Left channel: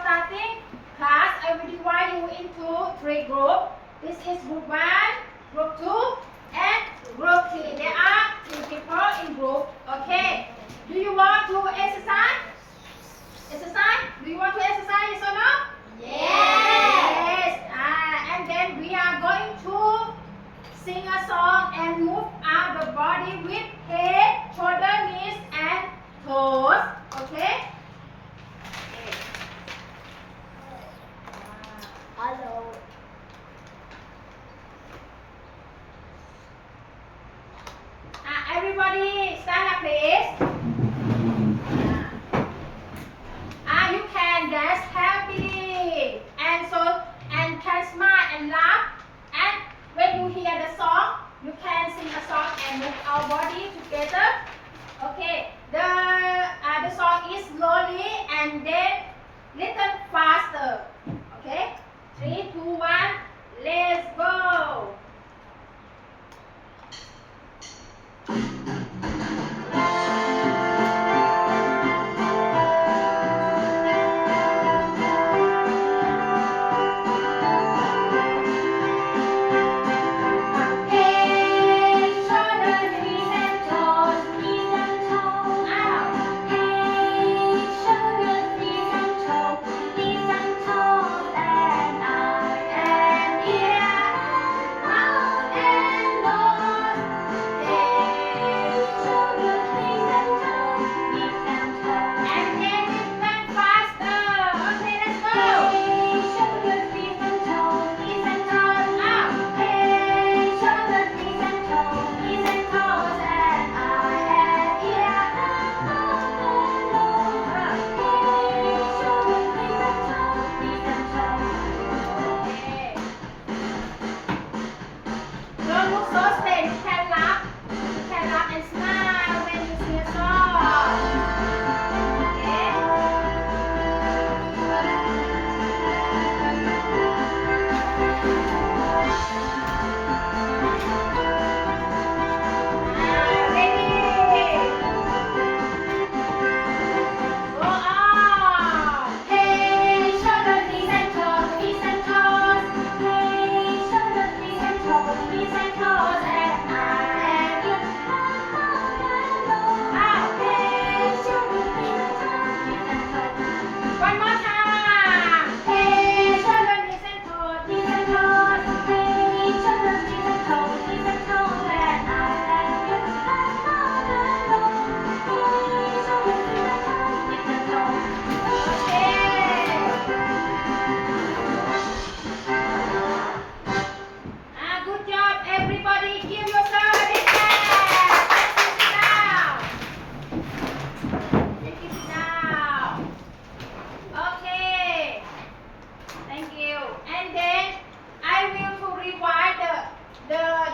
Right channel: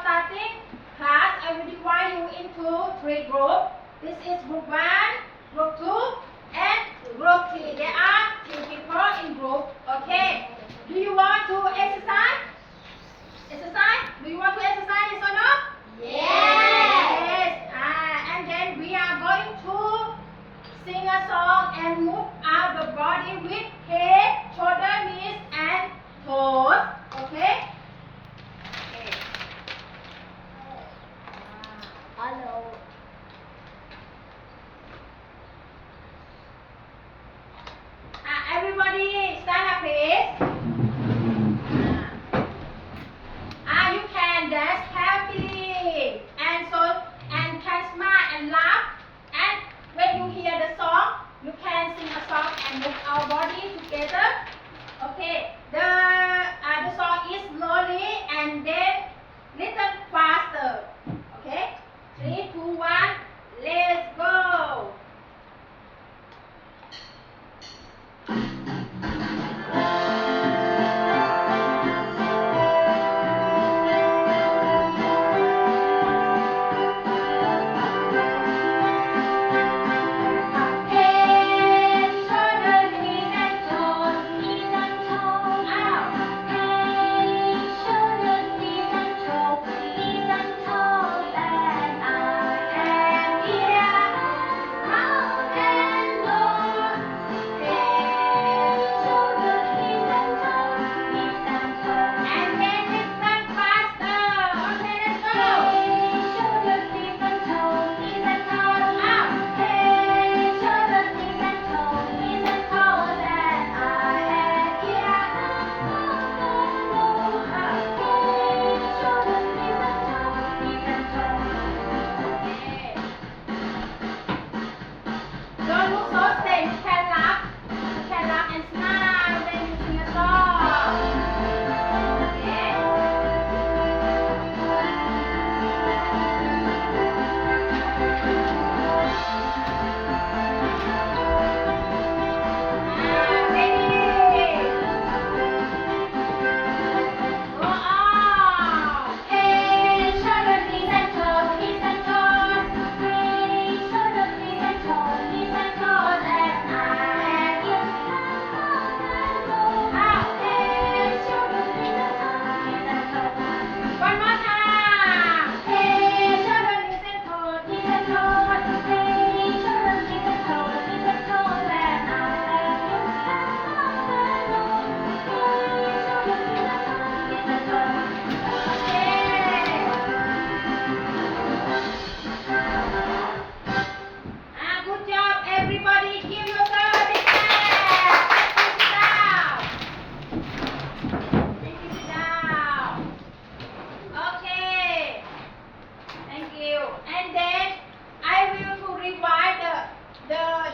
starting class, I will divide you into 3 groups. This is group 1, group 2, and group 3. There are 3 people in group. Okay. Do you want to exercise? Exercise? Do you want to exercise? Yes or no? Yes. And then we are going to sing a song and move out the body with head, shoulder, knees, and toes. Okay? Hello. Everybody stand up please. You can dance happily and can smile and laugh. And when you hear the song, you can sing a song and move our body together. Okay. The song is slowly and then little faster. Okay. 3, 2, 1. Let's go.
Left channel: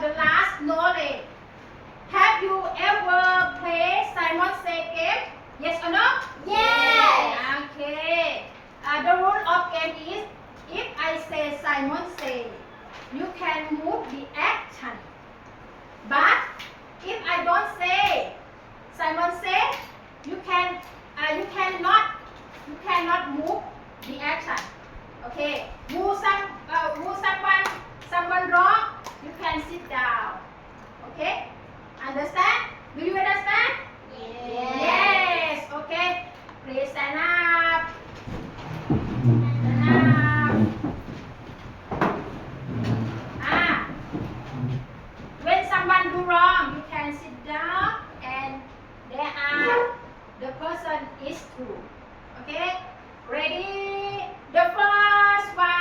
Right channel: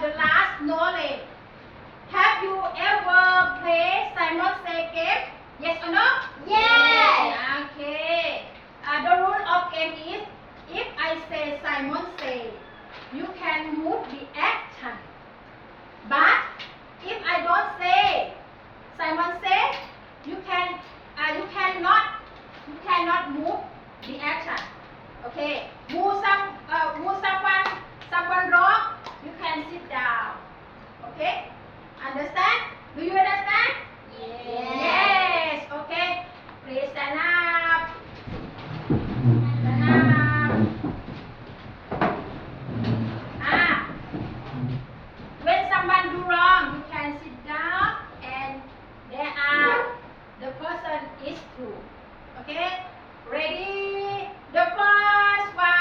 The last knowledge. Have you ever played Simon Say game? Yes or no? Yes. Okay. The rule of game is if I say Simon Say, you can move the action. But if I don't say Simon Say, you cannot move the action. Okay. Move someone wrong, you can sit down. Okay? Understand? Do you understand? Yes. Yes. Okay. Please stand up. Stand up. When someone do wrong, you can sit down and the person is true. Okay? Ready? The first one.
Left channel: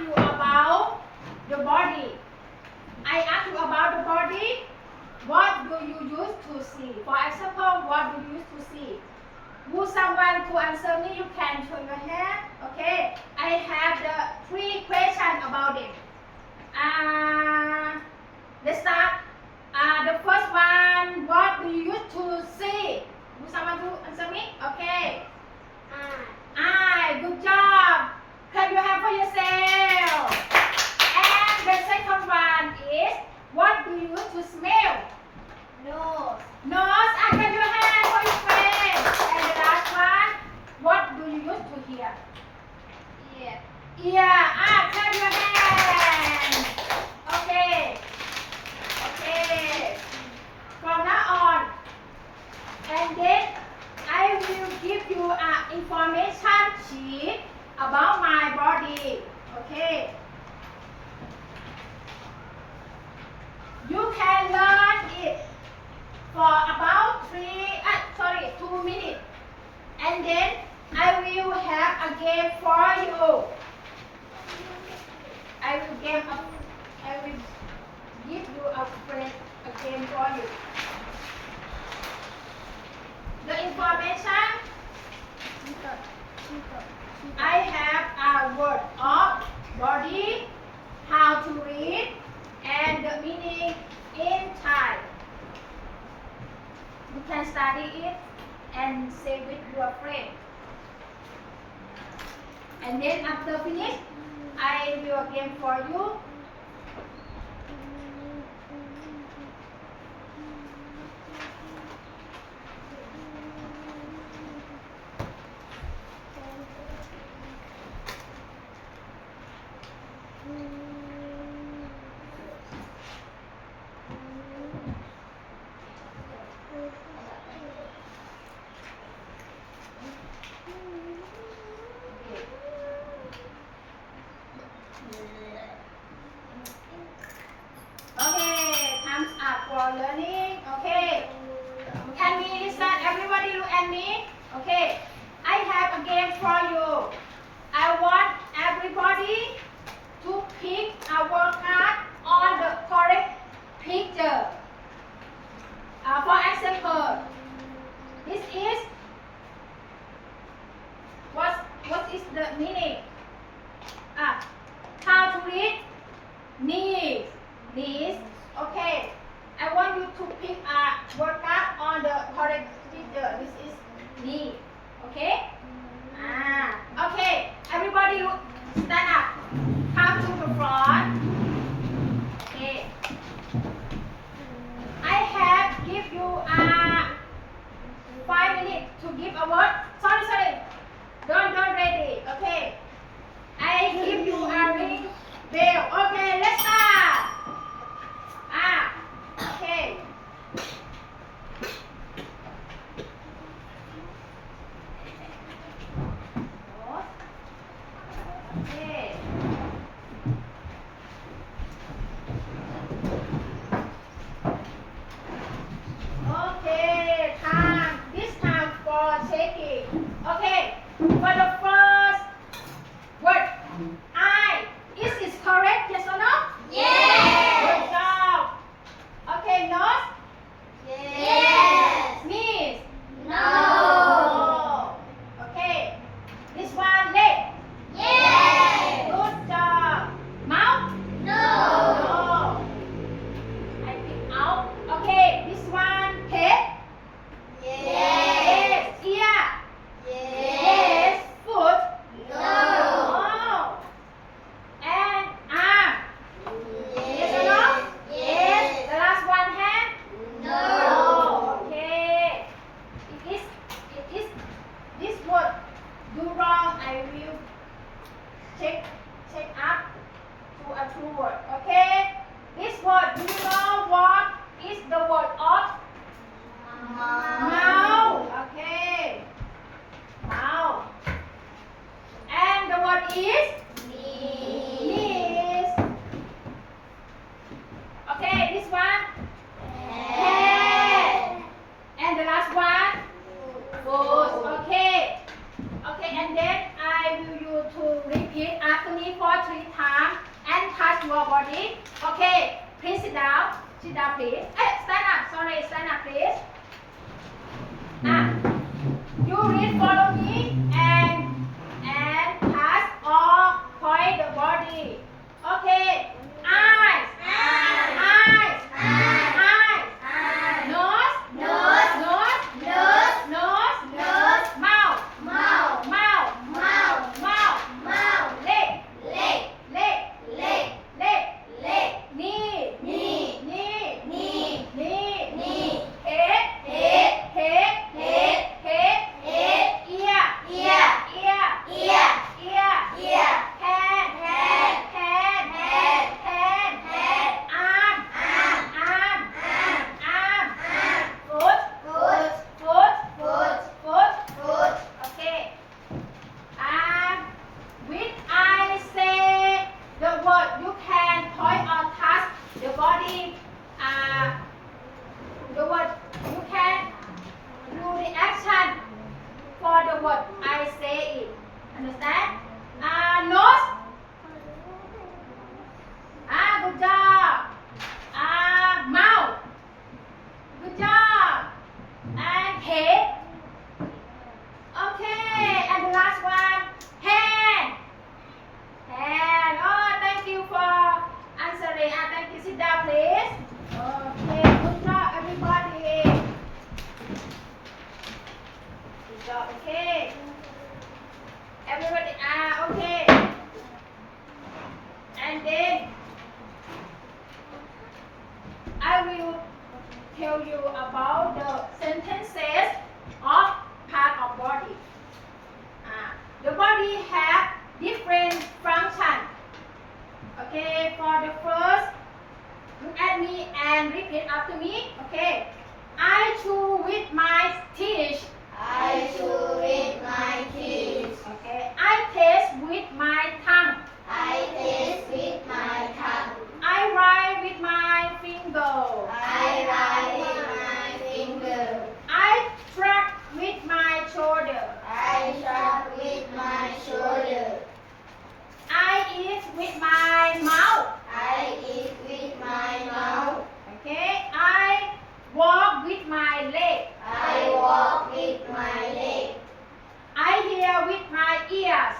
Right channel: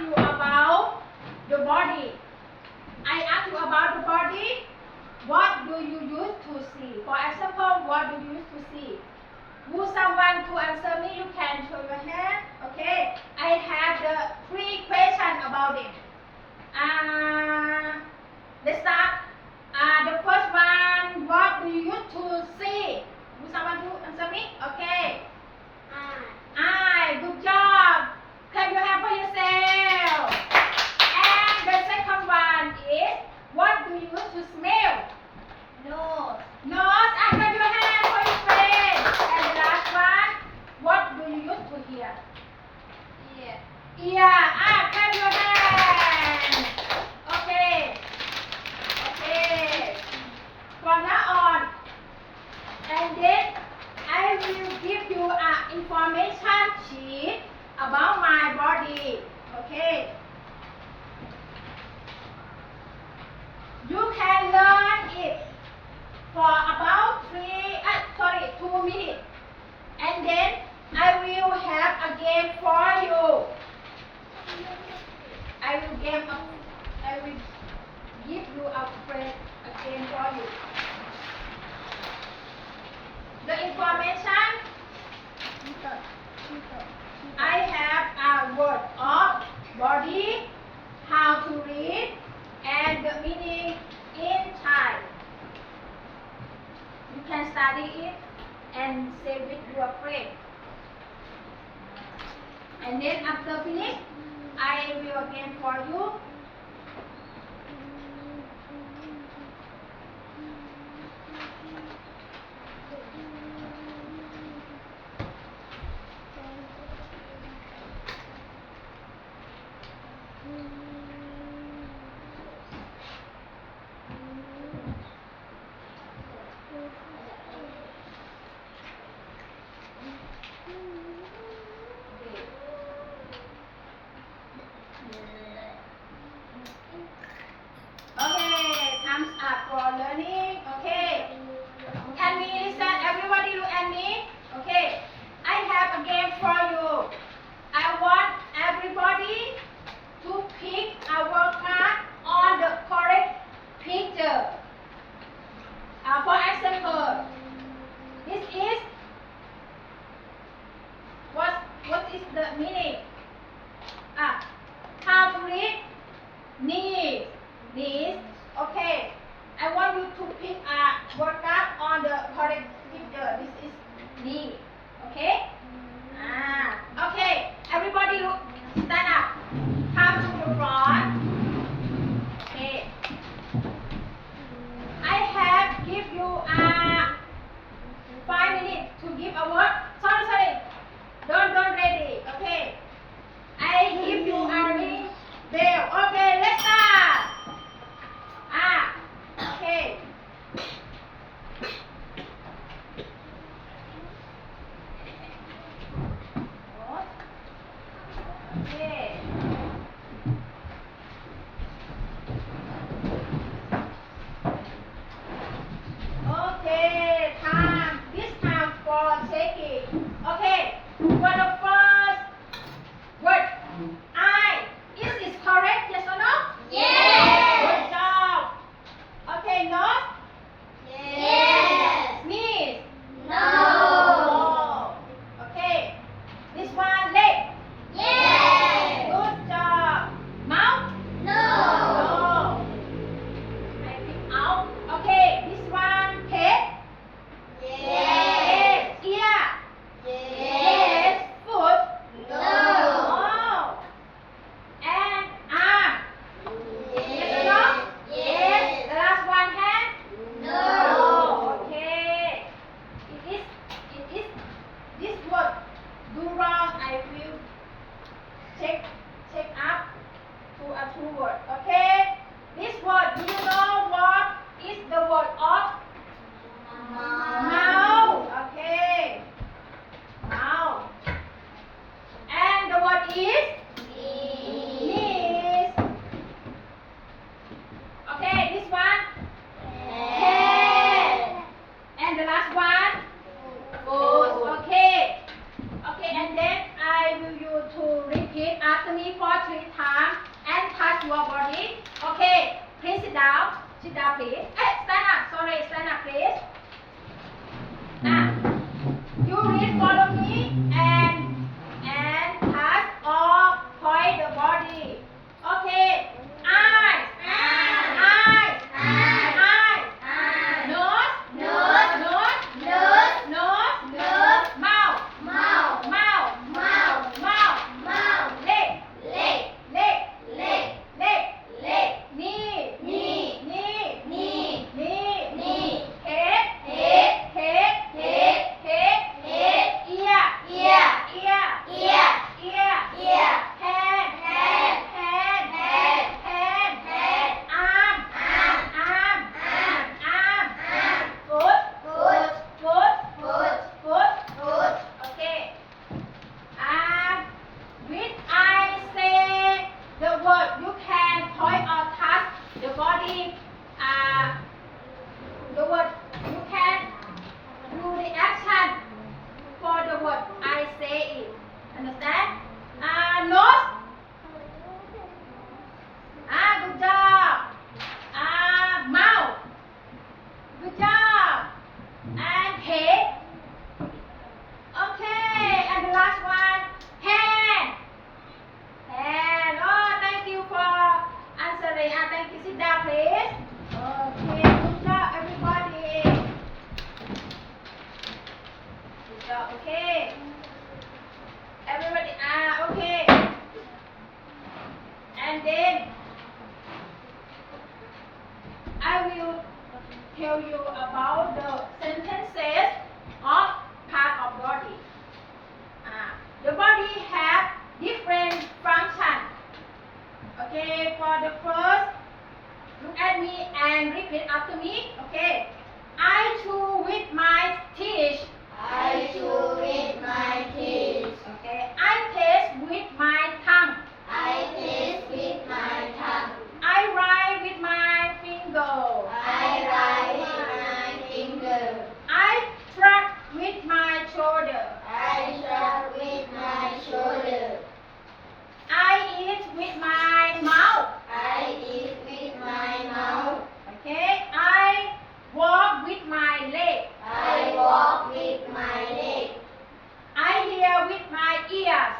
ask you about the body. I ask you about the body. What do you use to see? For example, what do you use to see? Would someone to answer me? You can show your hand. Okay. I have the 3 questions about it. Let's start. The first one, what do you use to see? Would someone to answer me? Okay. Eye. Good job. Clap your hand for yourself. And the second one is, what do you use to smell? Nose. Nose. Clap your hand for your friend. And the last one, what do you use to hear? Ear. Ear. Clap your hand. Okay. Okay. From now on, and then I will give you an information sheet about my body. Okay. You can learn it for about 2 minutes. And then I will have a game for you. I will give you a game for you. The information, I have a word of body, how to read, and the meaning in Thai. You can study it and say with your friend. And then after finish, I will again for you. Okay, time's up for learning. Okay, can we listen? Everybody look at me. Okay, I have a game for you. I want everybody to pick a word card on the correct picture. For example, this is what is the meaning? How to read? Knees. Knees. Okay. I want you to pick a word card on the correct picture. This is knee. Okay? Okay. Everybody look. Stand up. Come to the front. Okay. I have give you 5 minutes to give a word. Sorry. Don't ready. Okay. I give you a ring bell. Okay, let's start. Okay. Okay. Okay, time. This time for checking. Okay, for the first word, I. Is this correct? Yes or no? Yes. Good job. Okay, nose. Yes. Sneeze. No. Okay. This one, leg. Yes. Good job. Mouth. No. No. I pick out. Okay, this one, head. Yes. Ear. Yes. Foot. No. Oh. And arm. Yes or no? Yes. The last one, hand. No. Okay. It is this word do wrong. I will check up to a true word. Okay. This word, do you know what is the word of mouth? Okay. Mouth. And the word is knees. Okay, this one head. And the last one foot. Okay. Okay, and then I will you to repeat after me for 3 times. your body. Okay, please sit down. Sit down, please. Stand up. Sorry, stand up, please. You read, follow me, and pass or point the body. Okay. Eyes. Eyes. Nose. Nose. Mouth. Leg. Knee. Head. Ear. Hand. Arm. Foot. Okay. With I say the word, you can point or touch the body. The word, you can do the action for the word I say it. Understand? Nose. Good job. Mouth. Good job. And head. Okay. And the last one, hand. Oh, thank you for answering. Thank you. Sit down, please. Okay. Good job, everybody. Good job. Okay. Everybody. Okay. And then I will tell you about the sentences of part of body. The body have different functions. Okay, for the first, look at me and repeat after me. Okay, I chew with my teeth. Okay, I taste with my tongue. I write with my finger. I track with my shoulder. I eat with my mouth. Okay, I walk with my leg. I hear with my ears.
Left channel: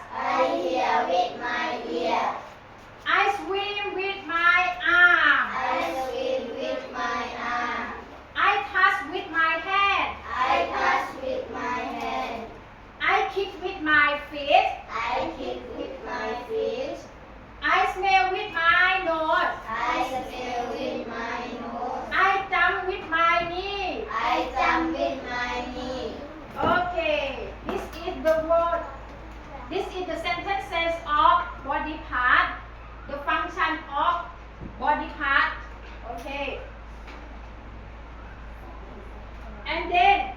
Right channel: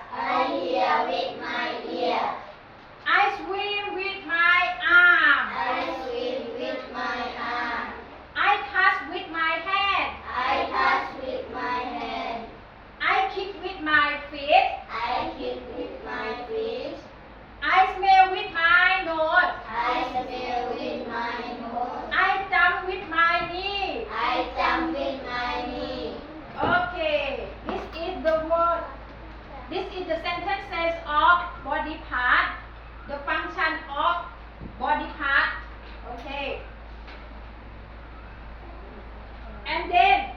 I swim with my arm. I touch with my hand. I kick with my feet. I smell with my nose. I jump with my knee. Okay, this is the word. This is the sentences of body part. The function of body part. Okay. And then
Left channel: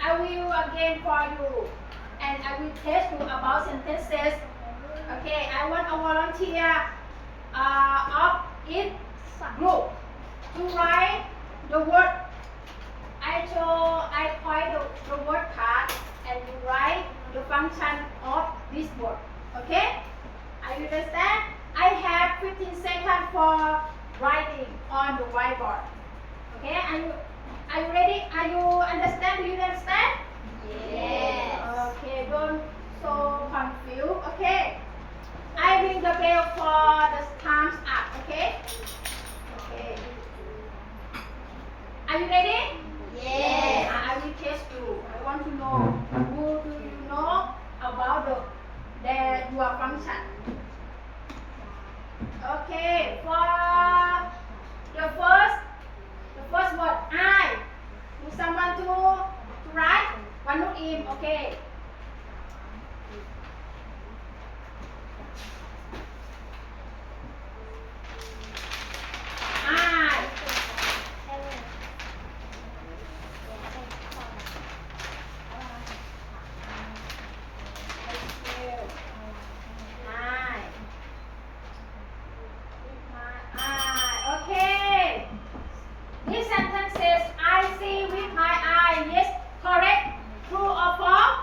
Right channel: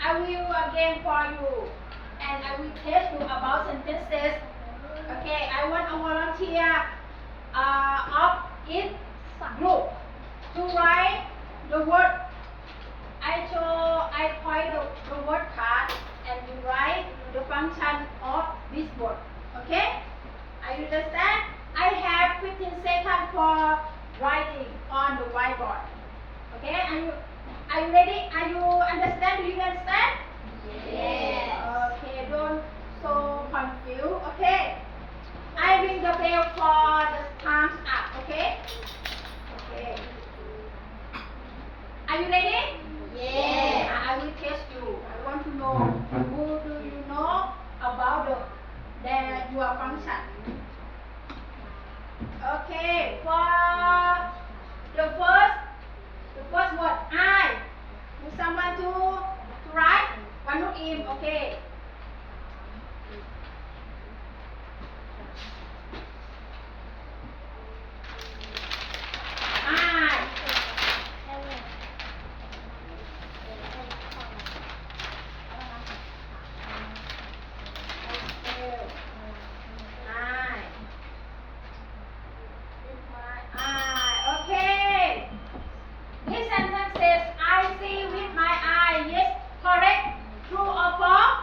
I will again for you, and I will test you about sentences. Okay, I want a volunteer of each group to write the word. I point the word card, and you write the function of this word. Okay? Are you understand? I have 15 seconds for writing on the whiteboard. Okay? Are you ready? Are you understand? Do you understand? Yes. Okay, don't so confused. Okay? I ring the bell for the time's up. Okay? Okay. Are you ready? Yes. I will test you. I want to know who do you know about your function. Okay, for the first word I. Would someone to write? One more in. Okay. I. Okay. This sentence says, I see with my eye. Yes, correct. True or false?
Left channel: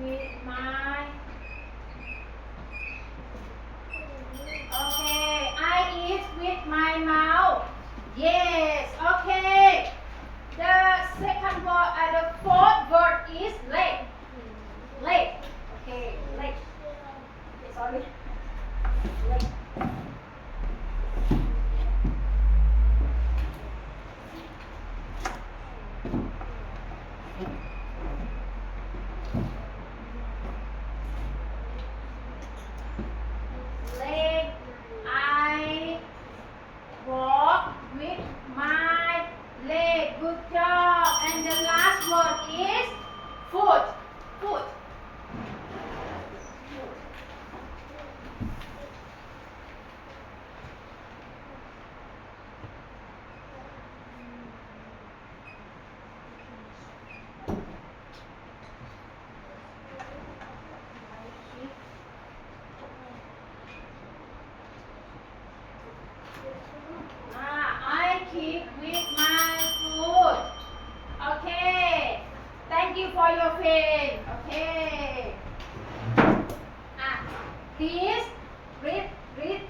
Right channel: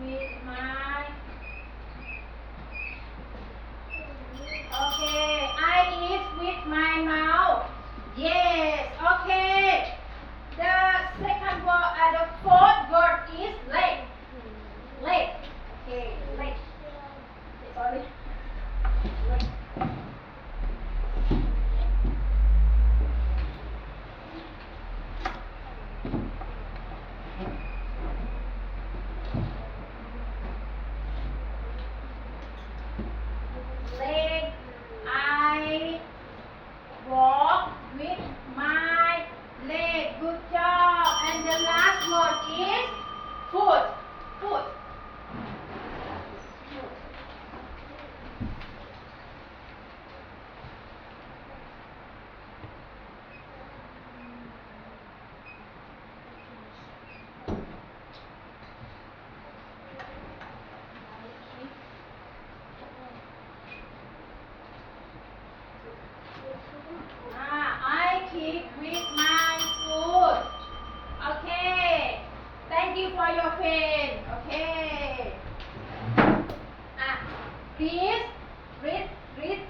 with my. Okay, I eat with my mouth. Yes, okay. The second word, the fourth word is leg. Leg. Okay, leg. Okay, sorry. Leg. Leg. I walk with my leg. Good job. And the last word is foot. Foot. I kick with my foot. Okay. Thank you for your pen. Okay. Please read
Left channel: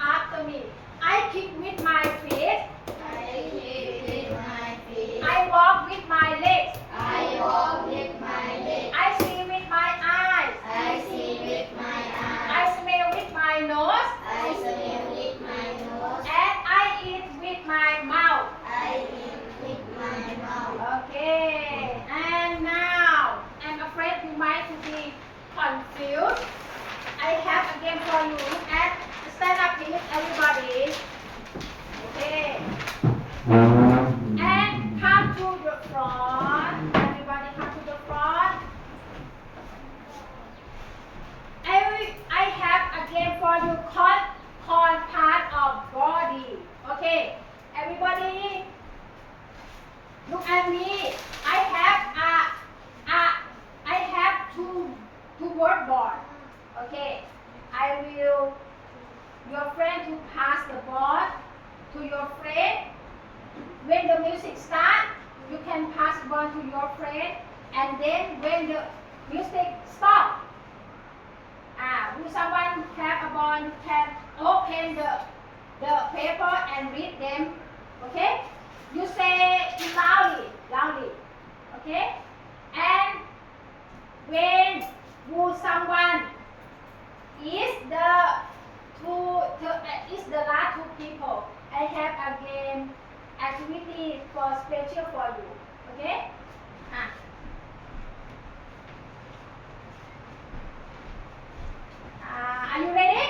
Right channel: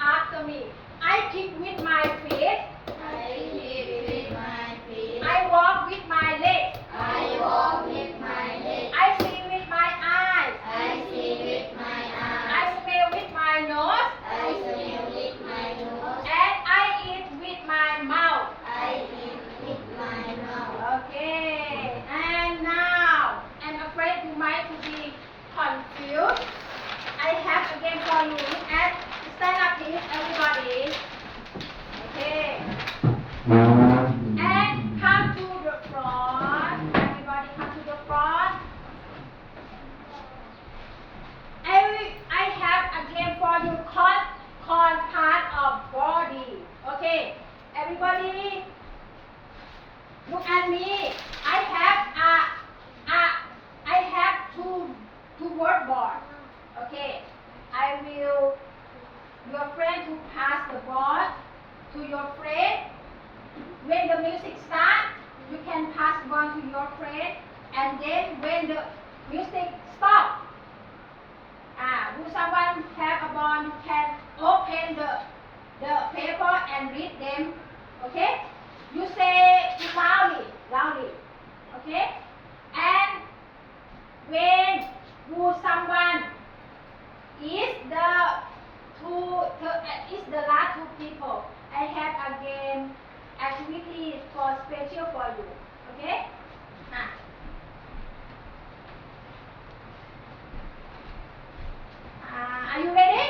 after me. I kick with my feet. I kick with my feet. I walk with my legs. I walk with my legs. I see with my eyes. I see with my I eyes. smell with my nose. I smell with my nose. And I eat with my mouth. I eat with my mouth. Okay. And now, I'm afraid you might be confused. I have a game for you. Look at, stand up please, everybody. Okay. And come to the front. Everybody come to the front. I have a game for you called part of body. Okay. Everybody, look at me. I have two word board. Okay. I will your friend to pass the board to your friend. When the music starts, you can pass the ball to your friend, and then when the music stops, will someone have a ball? You can open the paper and read them. Okay? You say loudly. Okay? And when someone is the last two people, I have a game activity for special for you. Okay? Are you ready?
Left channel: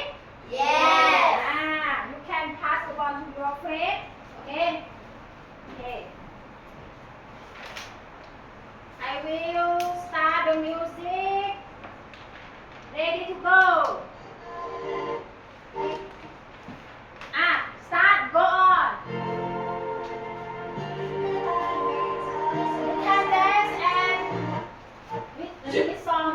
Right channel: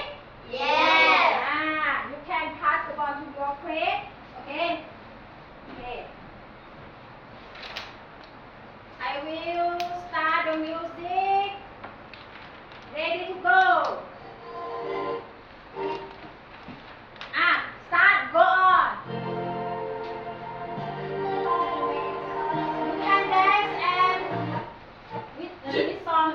Yes. You can pass the ball to your friend. Okay? Okay. I will start the music. Ready to go. Start, go on. You can dance and with this song.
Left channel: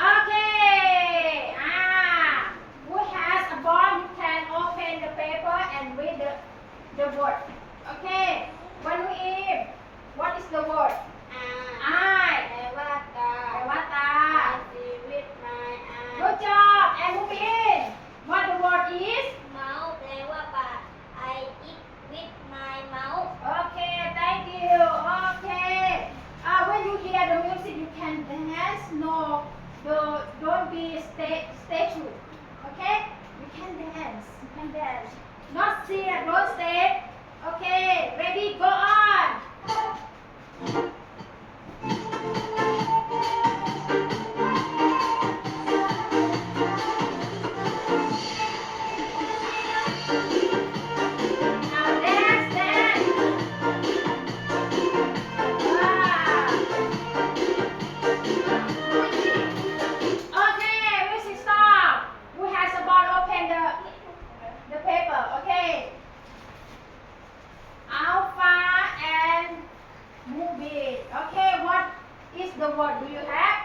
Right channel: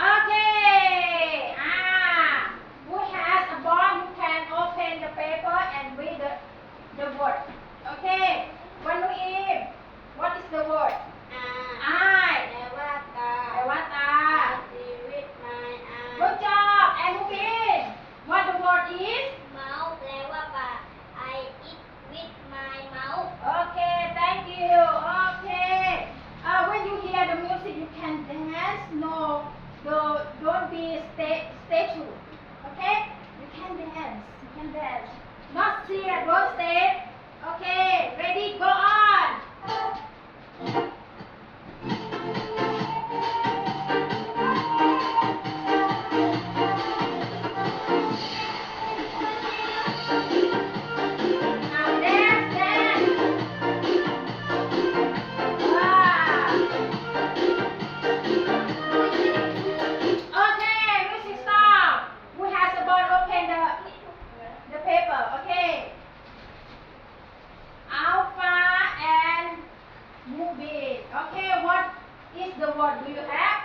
Okay. Who has a ball? You can open the paper and read the word. Okay. One Eve. What is the word? Eye. แปลว่าตา แปลว่าตา I see with my eyes. Good job. And Mubin. What the word is? Mouth แปลว่าปาก I eat with my mouth. Okay. Thank you. Okay. When you hear the music, you can dance. No, don't be statue. Okay? You can dance. Not sit. Don't stay. word do you have?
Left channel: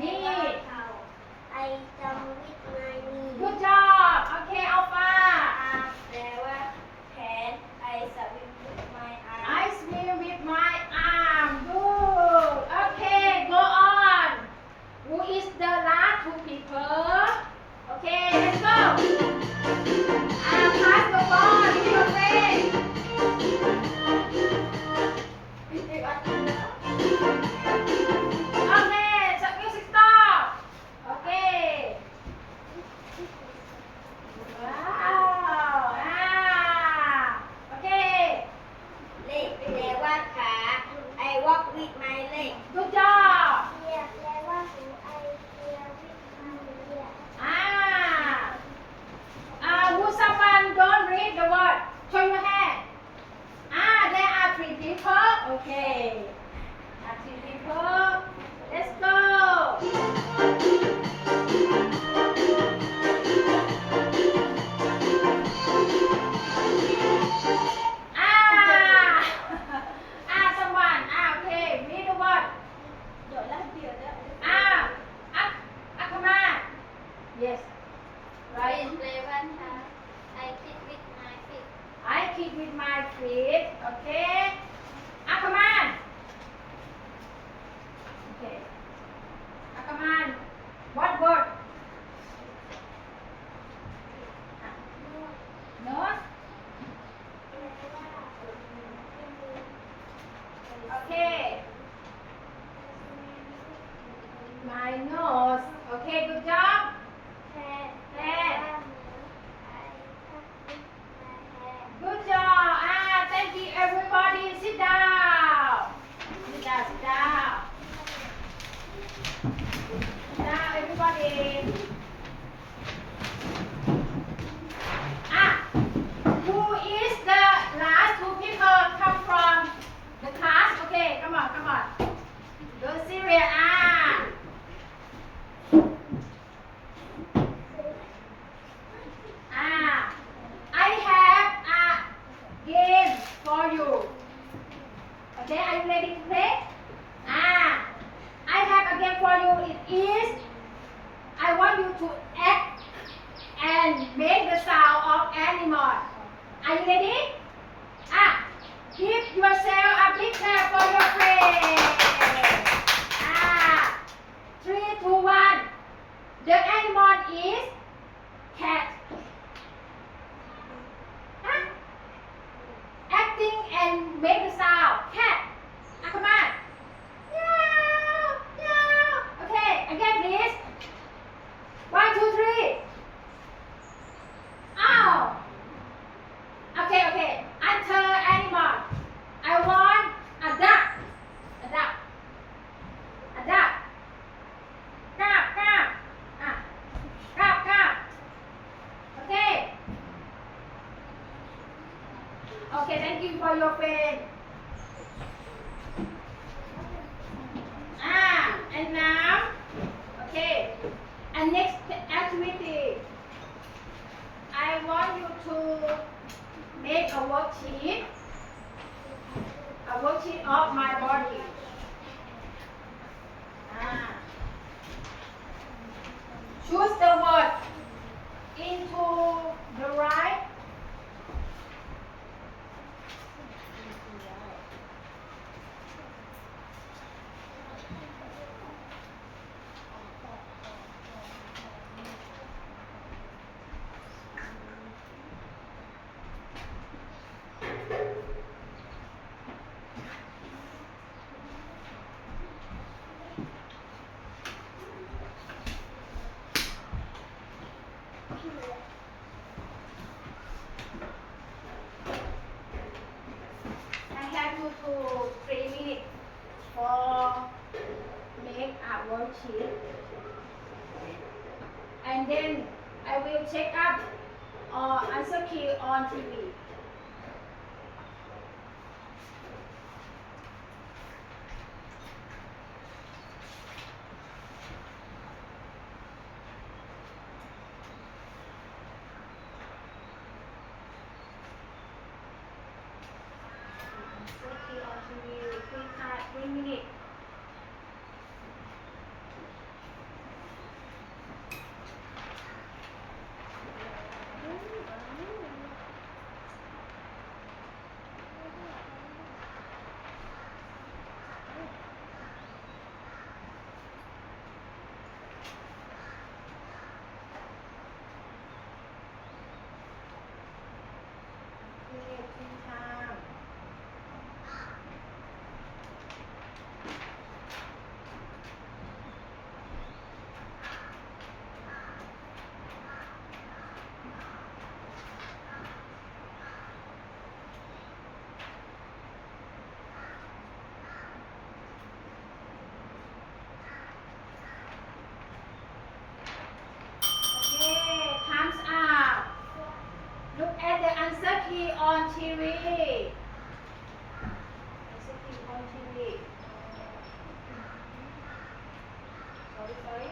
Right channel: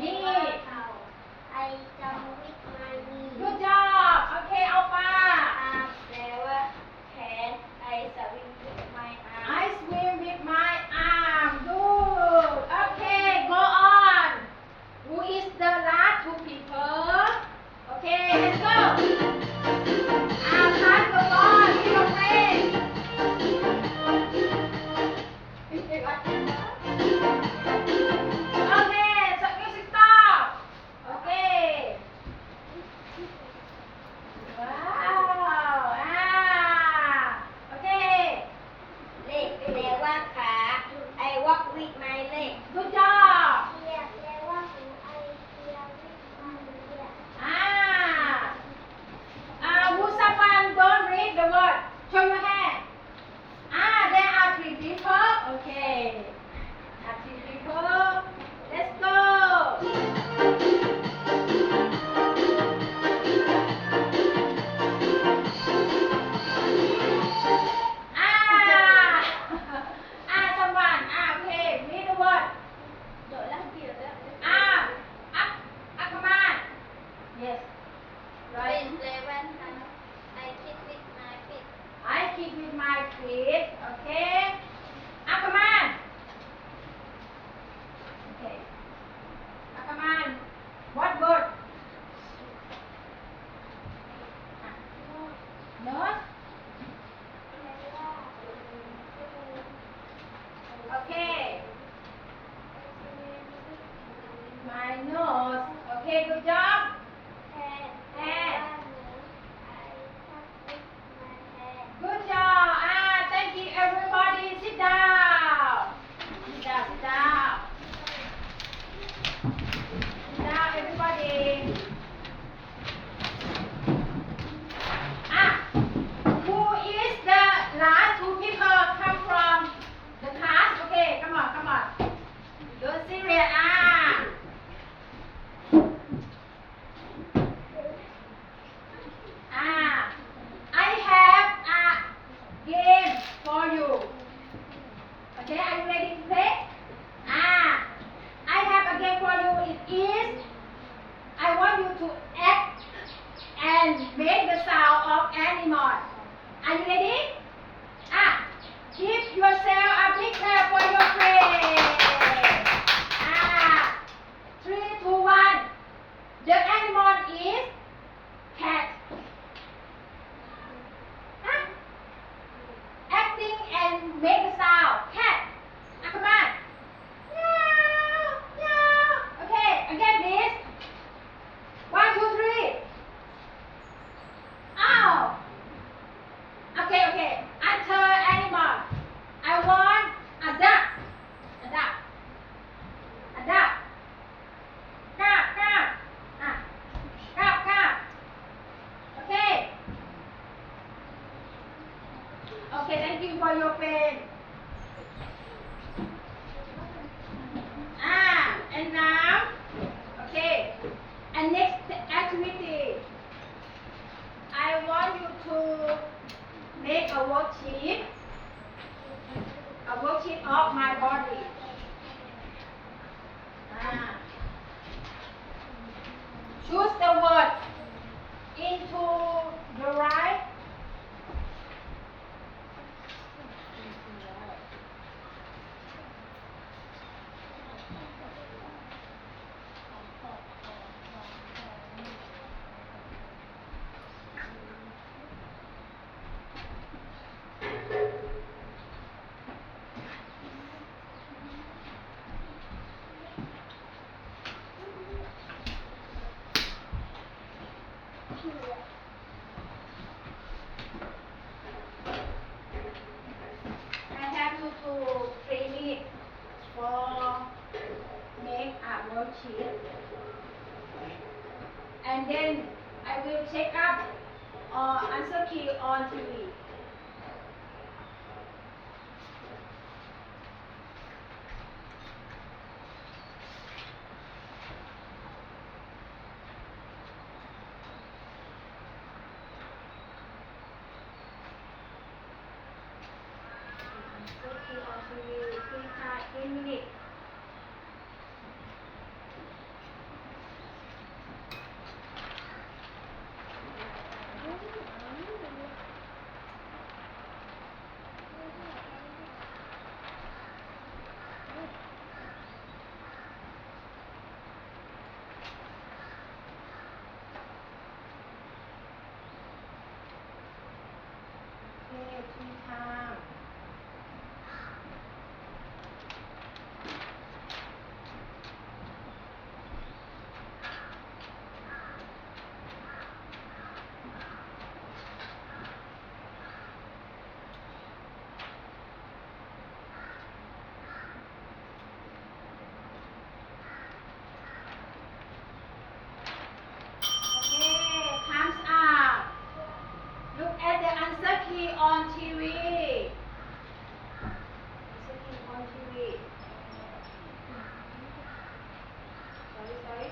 นี่แปลว่าเข่า I jump with my knee Good job. Okay, Alpha. แปลว่าแขน I swim with my arm I swim with my arm. Good. Okay, go on. Who is the last two people? Okay, let's go. Pass the ball to your friend. Okay, so music stop. Okay. Wow. Okay. เล็กแปลว่าขา I walk with my leg Good job. เทียแปลว่าหู I hear with my ear Who someone don't read the word? Show your hand. There are three people. Okay. Three people. Let's go. Someone. Okay. Read the word. Come on. Yes. Right. แปลว่าเท้า I kick with my feet I kick with my feet. Okay. Come on. Okay. Come on. What word? Nose. Okay. My nose. Okay. Good job. แทน Head. I touch with my hand Good job. Thank you, everybody. Sit down. Sit down. Sit down. Sit down, everybody. Who is the last two people come from the class? Okay, come on, come on. Don't serious. I have a game for you. Okay, are you ready to play? I have a game for you. It is, I want you to act and make the sound of animal. Are you ready? Give yourself a big clap for your friend. 3, 2, 1. The animal is cat. Acting and make the sound. Cat. Come on. Meow, meow. Okay, again please. 1, 2, 3. Okay. Answer animal. I want a duck. A duck. A duck. Crab. Crab. Okay. Okay, thank you for your friend. And now, okay. And next activity, I want you to make a worksheet of my body. Choose the word into the right. I have you to 3 minutes for make a worksheet, and then I will check up answer key on TV. Answer key on TV. 3 minutes. on TV. Executive on TV. Sorry.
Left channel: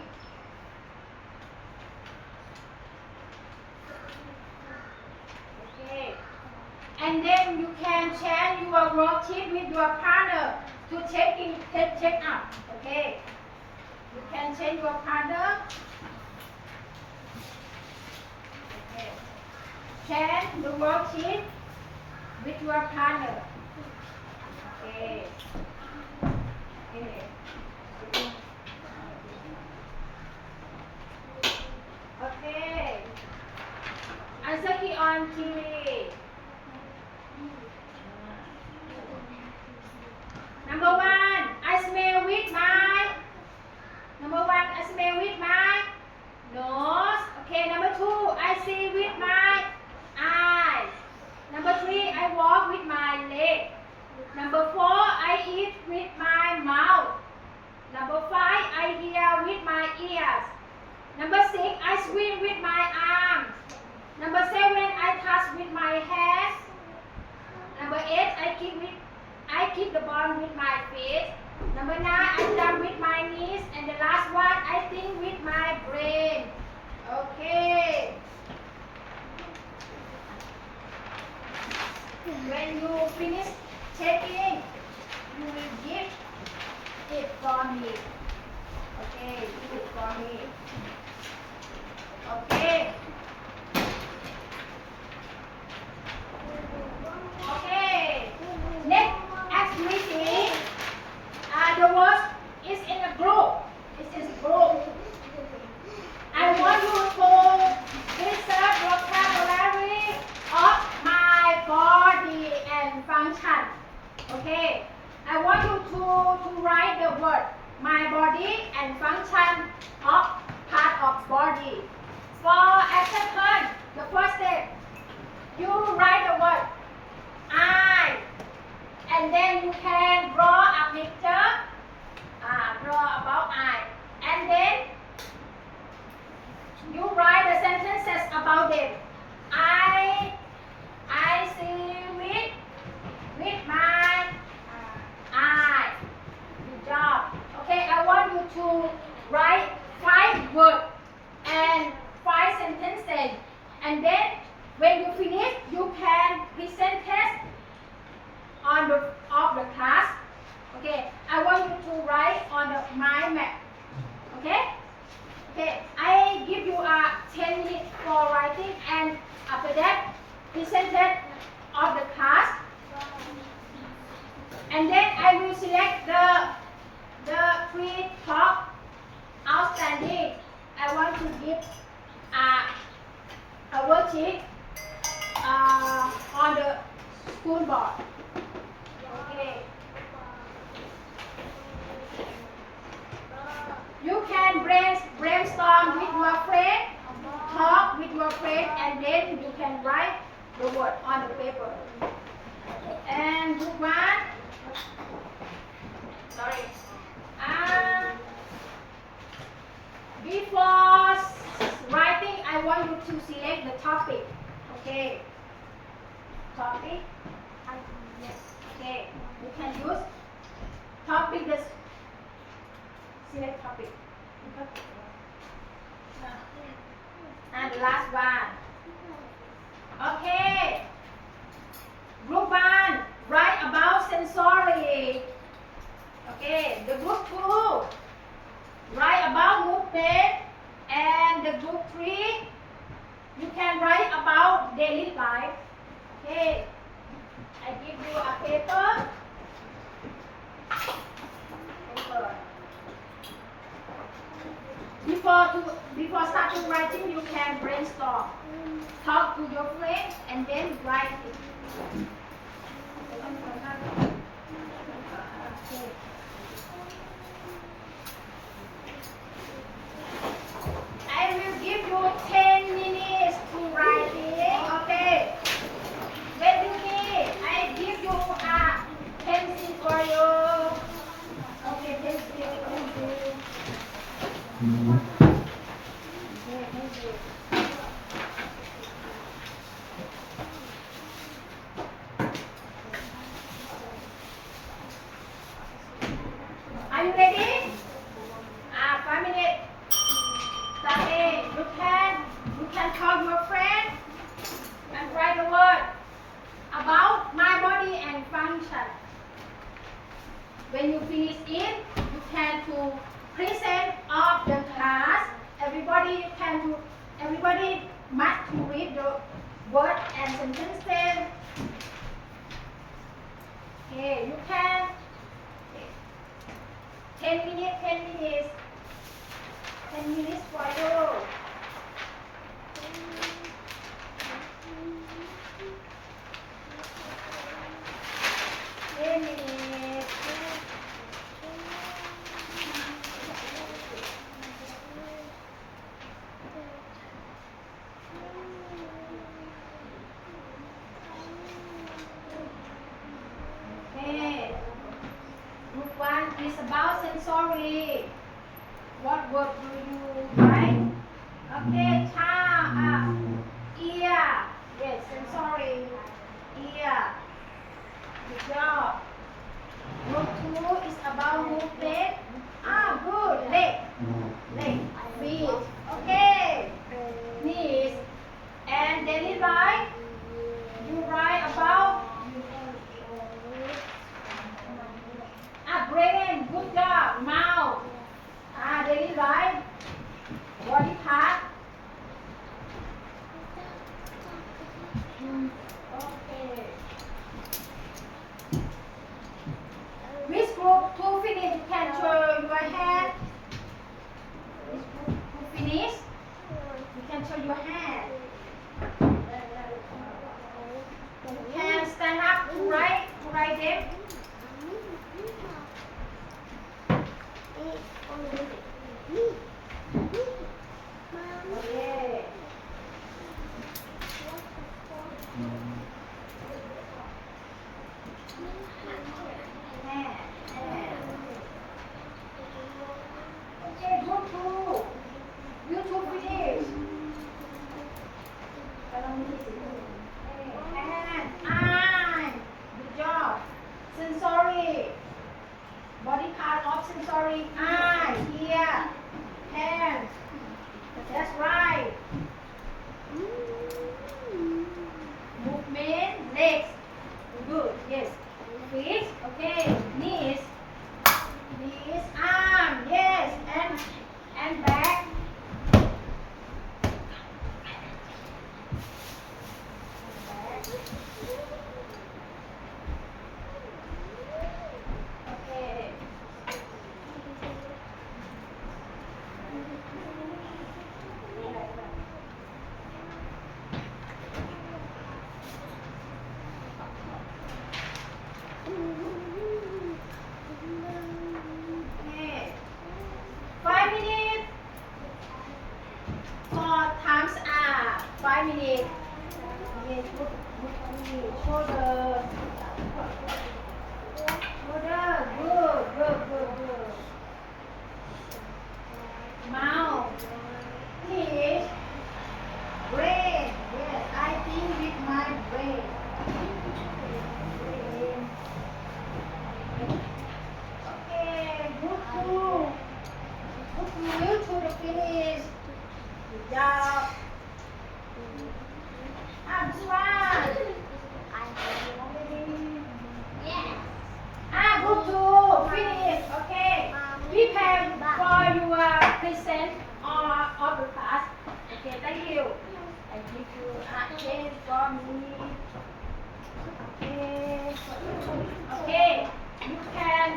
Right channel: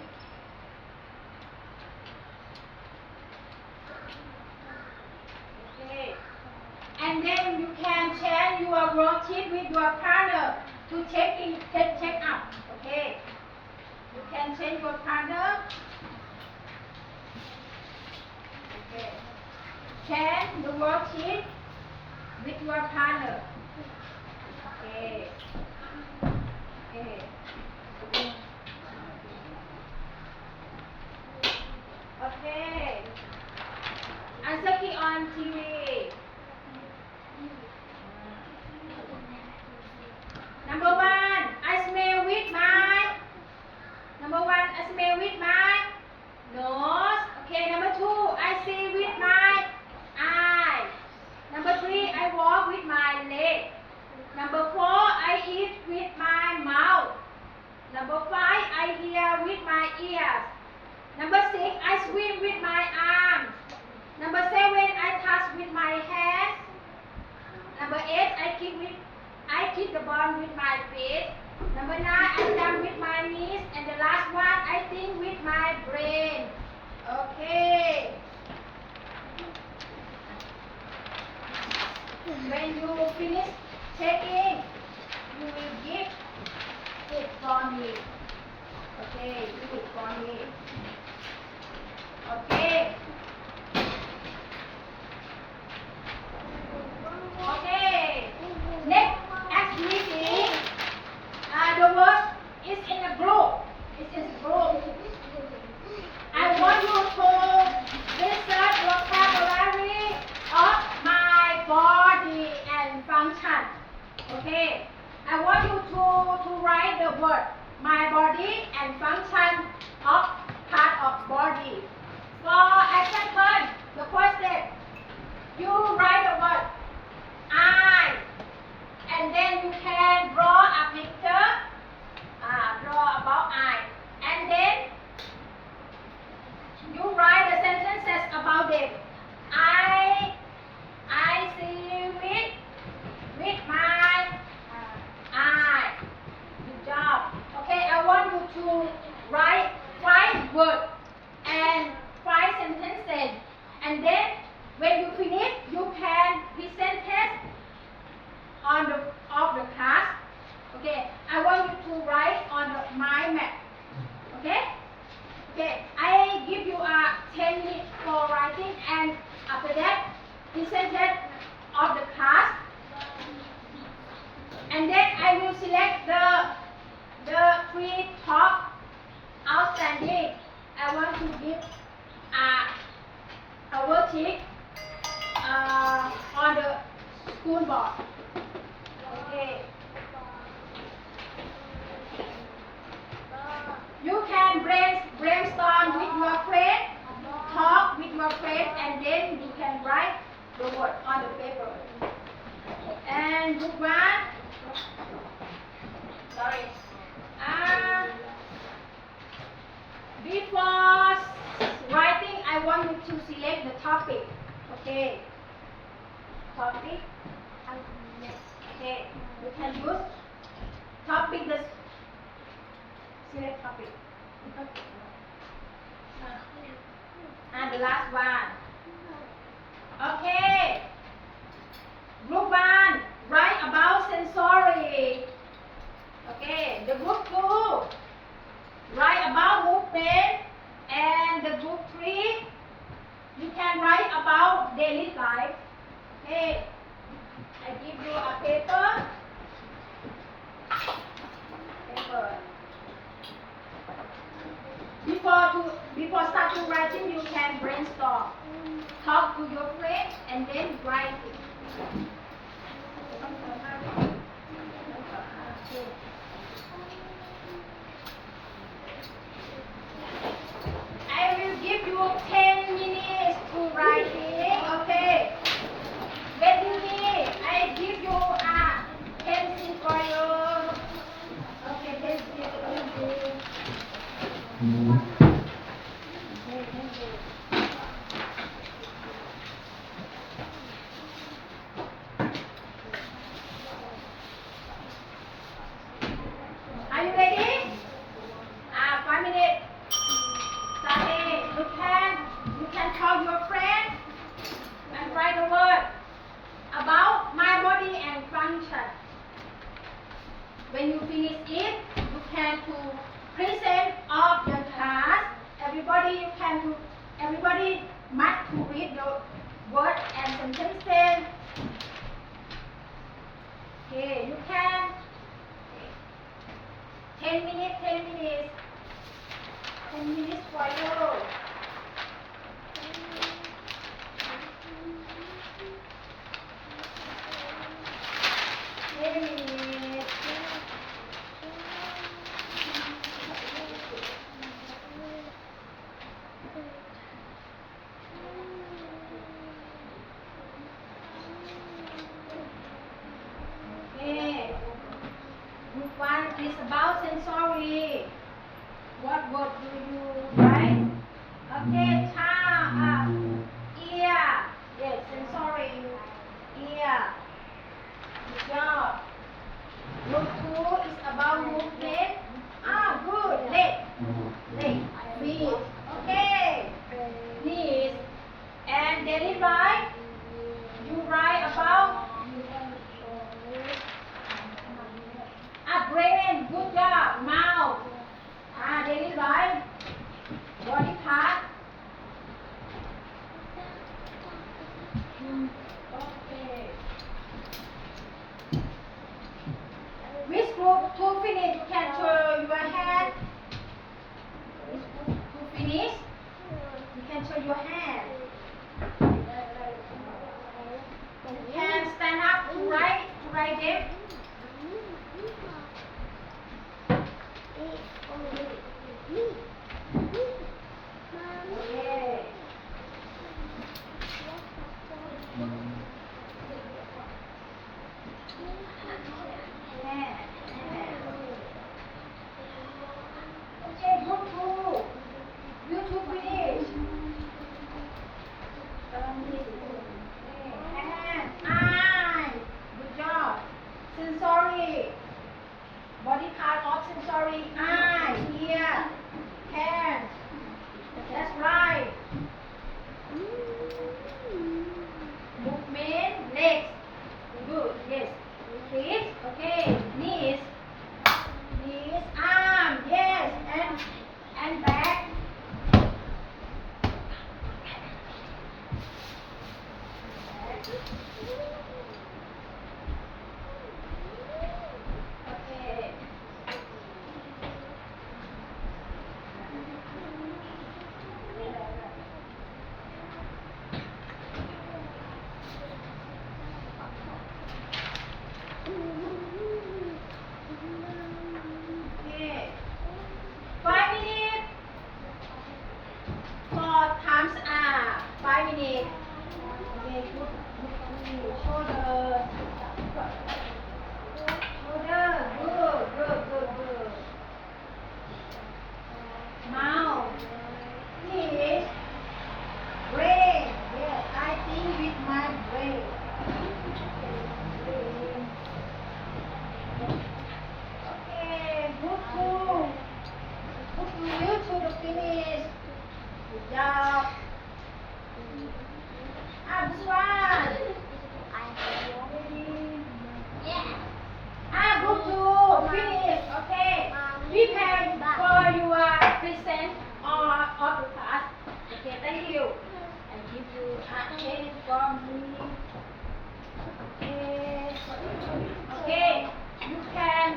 Okay. And then you can share your worksheet with your partner to check up. Okay. You can share your partner. Okay. Share the worksheet with your partner. Okay. Okay. Okay. Answer key on TV. Number one, I smell with my. Number one, I smell with my nose. Okay. Number two, I see with my eye. Number three, I walk with my leg. Number four, I eat with my mouth. Number five, I hear with my ears. Number six, I swim with my arms. Number seven, I touch with my hands. Number eight, I kick the ball with my feet. Number nine, I jump with my knees. And the last one, I think with my brain. Okay. When you finish checking, you will give it for me. Okay, give it for me. Okay. Okay. Next activity. The word is in a group. It's in a group. I want you to insert vocabulary of my body and function. Okay. I want you to write the word my body and function of part of body. For action turn, the first step, you write the word I, and then you can draw a picture, draw about I, and then you write the sentences about it. I see with my eye. Good job. Okay, I want you to write 5 words and 5 sentences, and then when you finish, you can present test on the class. Okay, I want you to write on the mind map. Okay. Okay, I give you 10 minutes for writing, and after that, present test of the class, and then I will select the 3 top outstanding. I want to give a worksheet on the school board. Okay. You can brainstorm with your friend, talk with your friend, and then you can write the word on the paper. And group one, sorry. Before writing, I want you to select the topic. Okay. Topic. Okay. You can use topic. Select topic. And the last one. Okay. Group 1, write about sensory. Okay. The group 2, write about movement. And the group 3, you can write about daily life. Okay. I give you a paper. Before starting writing, you can brainstorm. Talk to your friends and then write it. I will give you 10 minutes to write it. Okay. When you need, I give you a pencil for you. Okay, pencil. you ready? 5 minutes. Starting. You can call your friend and write a word about my body and function. When you finish it, you can to present of the class. Everybody must to read the word and sentences. Okay, you can 10 minutes, 10 minutes. 10 minutes for you. Okay. Group 1 is about sensory. What word do you write? Okay, ear. Yes, sensory. Ear. Good job. Group 2 is about movement. Good. Leg. Feet. Okay. Knees. And daily life. You write about brain. Good job. Mouth. Daily life. Body part. Okay. Which group to finish? You can show your hand. Which group to finish? You can show your hand. You can stand up to write them. Okay. Okay, group 2. You two finish. Hand, eye. Good job. Sensory. Body part of sensory. Eye, ear, hand. That's right. Movement, legs. Good, yes. Feet, okay. Knees, arm, yes. And back. Okay. Okay. 5 minutes for times 5 minutes. Okay, shoulder. Good. Mouth. Teeth. Brain. Yes, I think with my brain. Okay, good too. You to the finish. Good job. This one. Group 2. Finish. Okay. Prepare for your present of the class. Okay, thank you. I give you a cake from me. Okay. You can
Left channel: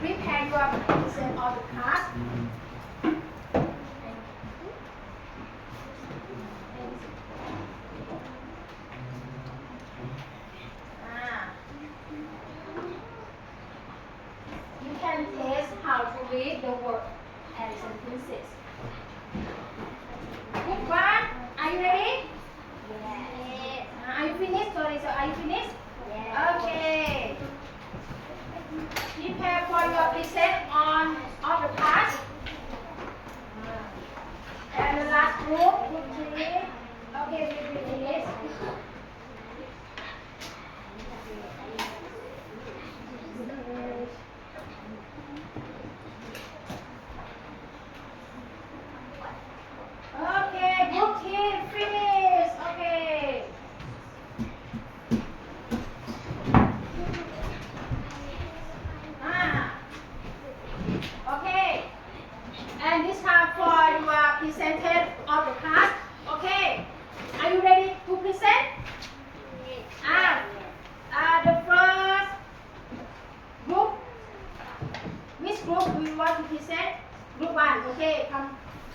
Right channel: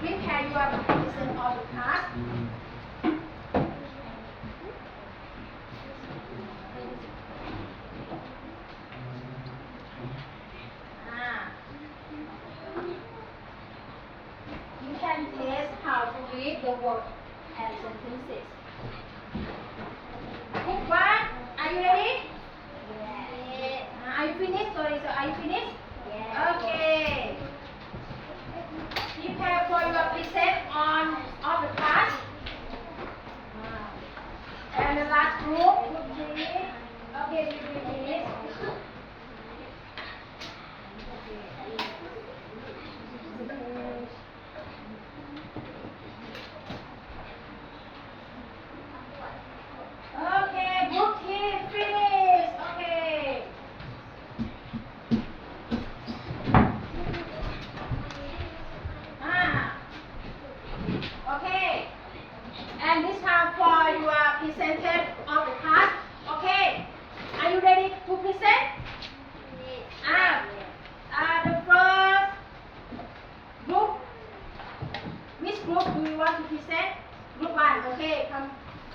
prepare your present of the class. You can test how to read the word and sentences. Group 1, are you ready? Yes. Are you finished? Sorry, so are you finished? Yes. Okay. Prepare for your present on of the class. And the last group would be, okay, we finish.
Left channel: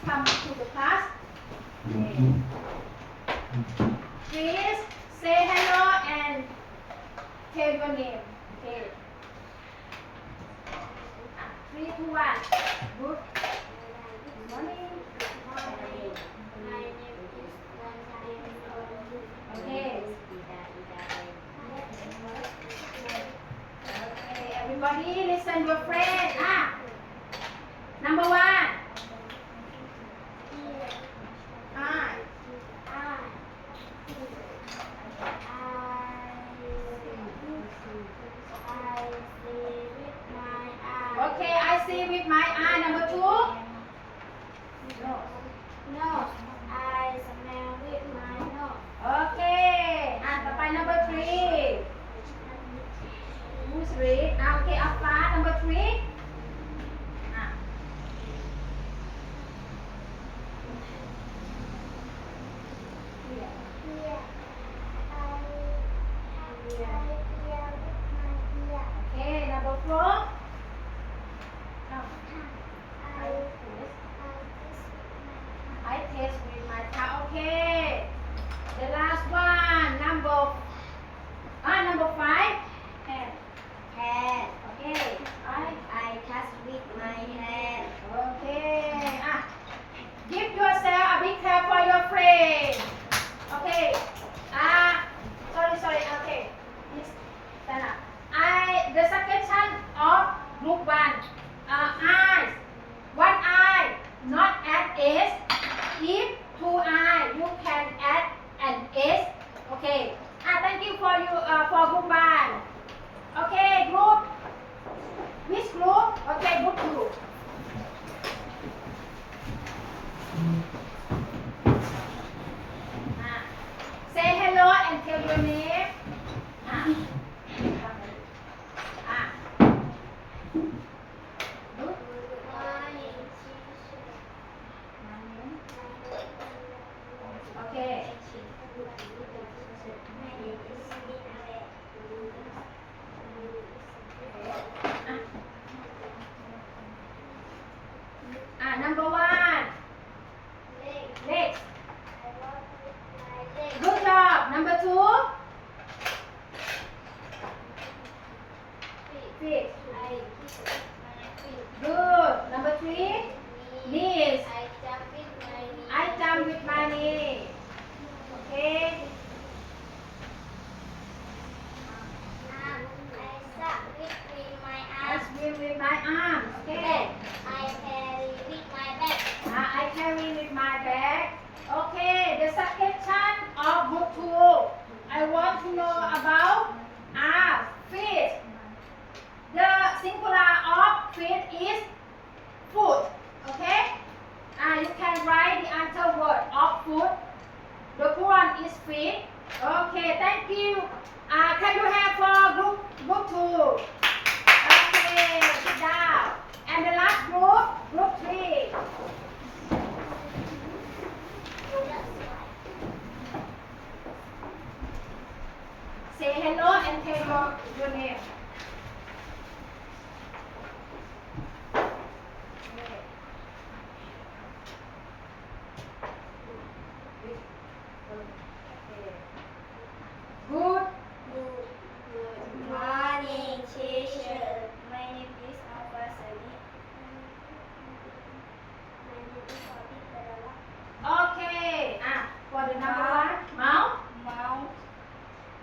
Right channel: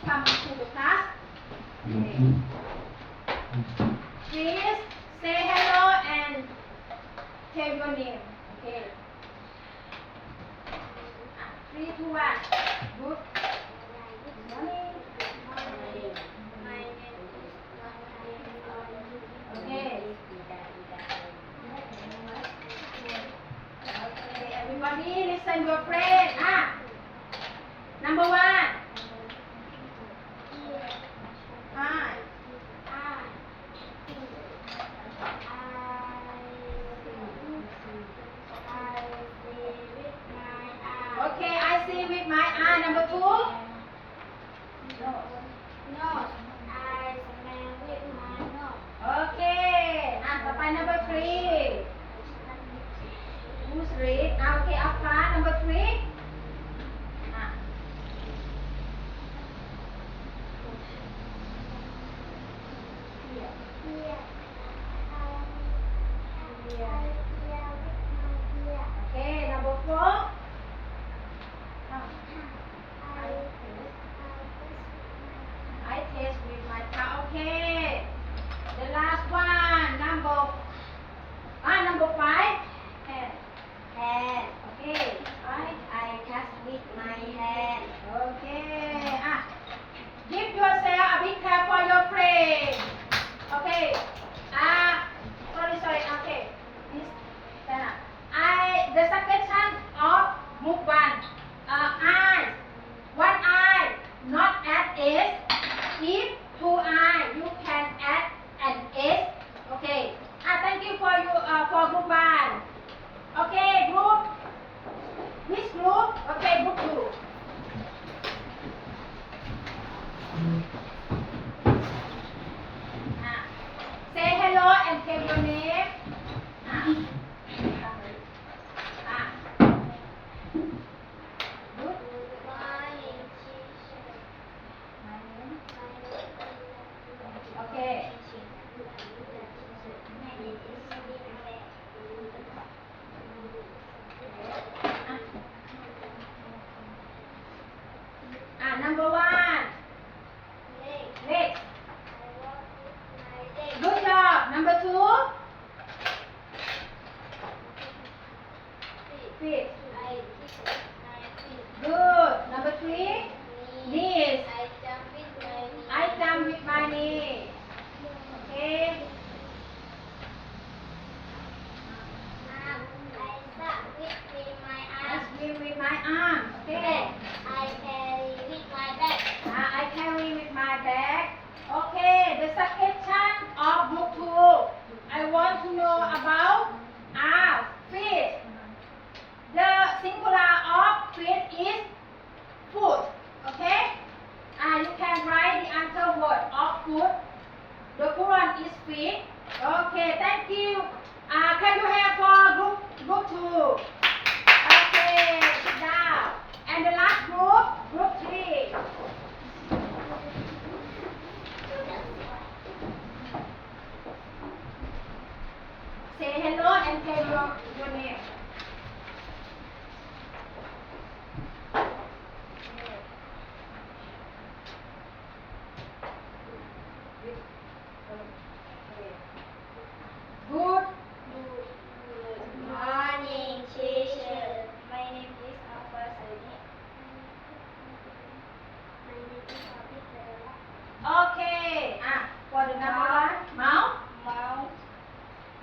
come to the class. Okay. Please say hello and tell your name. Okay. 3, 2, 1. Good morning. My name is Okay. Okay, everybody listen your friend. Number 1. Hi. Okay, I see with my eye. Number 2. No, I smell with my nose. Okay. ต่อไป number 3. Who's read? Okay, Alpha. Number 3. Here, Okay, number 4. I taste with my tongue. Okay. The last one, number 5. Hand. Okay. I touch with my hand. Okay. Give yourself a big clap for your friend. Okay. Sorry. Okay. Please stand up. The suggestion of mukbang. Eyes. One eye, not add S. If 2 eye, you can add an S. Okay. Thank you for group 1. Okay, group. Which group? Okay, group 2. Say hello and tell your name. Good. Okay. Number 1. Legs. Good job. Number 2. Feet. Good. Number 3. Knees. I jump with my knee. Okay. I swim with my arms. Okay. I carry with my bag. I carry with my bag. Okay. The suggestion of group 2. I want to know about feet. The singular of feet is foot. Okay. You can write the answer word of foot. The plural is feet. Okay. Thank you. Can you have for group 2? Okay. Sit down. And the last group 3. Say hello and tell your name. Good. Morning, teacher. My name is Alpha Sani. My name is Abid Darala. Okay. For the number 1, mouth. Mouth.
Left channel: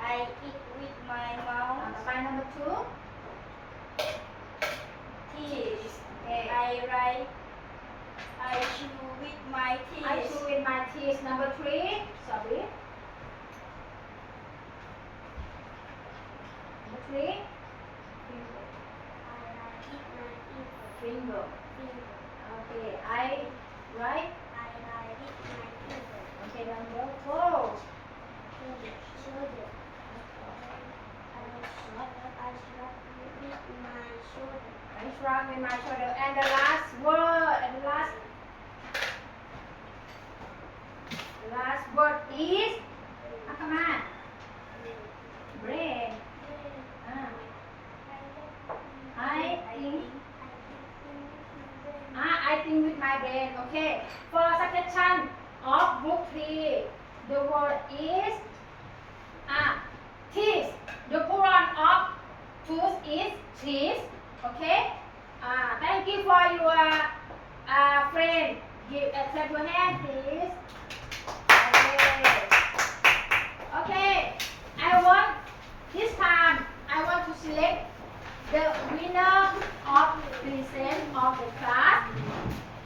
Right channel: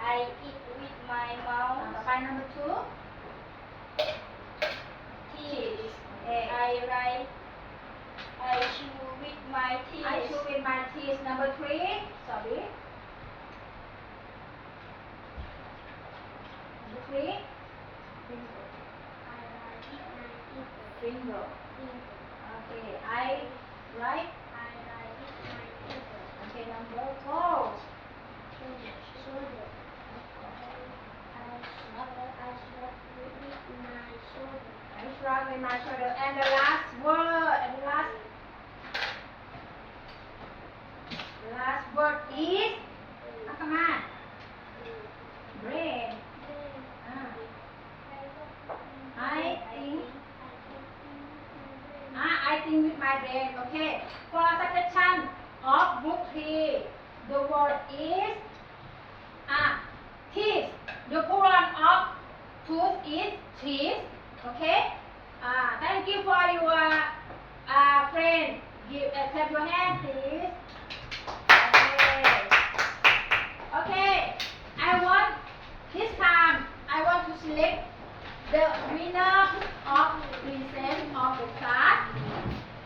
I eat with my ต่อ mouth. ไป number 2. Teeth. Okay. I write. I chew with my teeth. I chew with my teeth. Number 3. Sorry. Number 3. Finger. Okay. I write. Okay. Number 4. I shrug with my shoulder. And the last word. Last word is. Come on. Brain. I think with my brain. Okay. For succession of group 3, the word is teeth. The plural of tooth is teeth. Okay. Thank you for your friend. Give clap your hand, please. Okay. Okay. This time I want to select the winner of present of the class.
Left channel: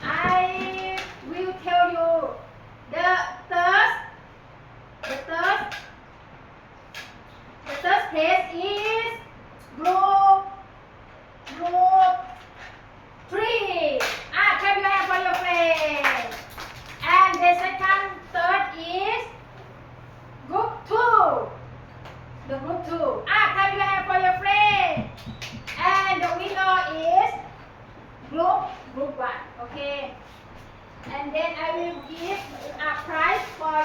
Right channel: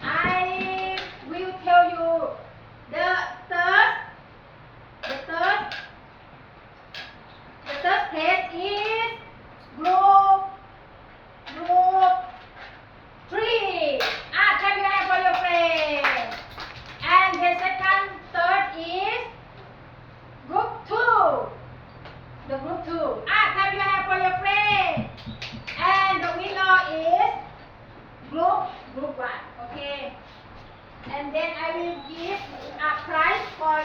I will tell you the third place is group 3. Clap your hand for your friend. And the third is group 2. The group 2. Clap your hand for your friend. And the winner is group 1. Okay. And then I will give a prize for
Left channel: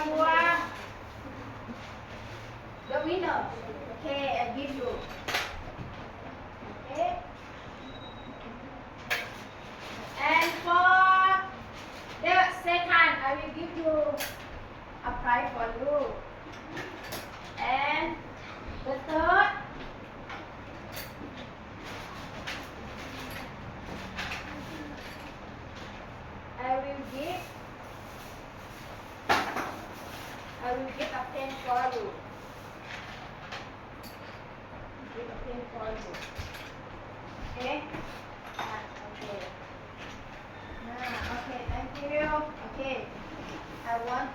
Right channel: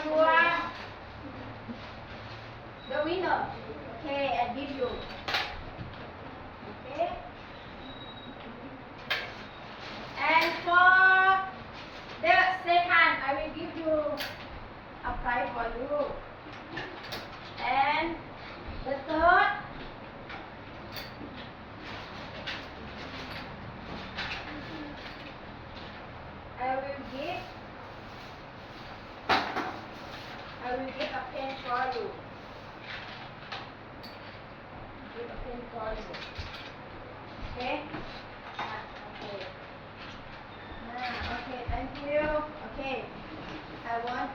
the winner. Okay, I give you. Okay. And for the second, I will give you a prize for you. And the third, I will give a pen for you. Give a pen for you. Okay? Okay. Okay, thank you. Okay. I want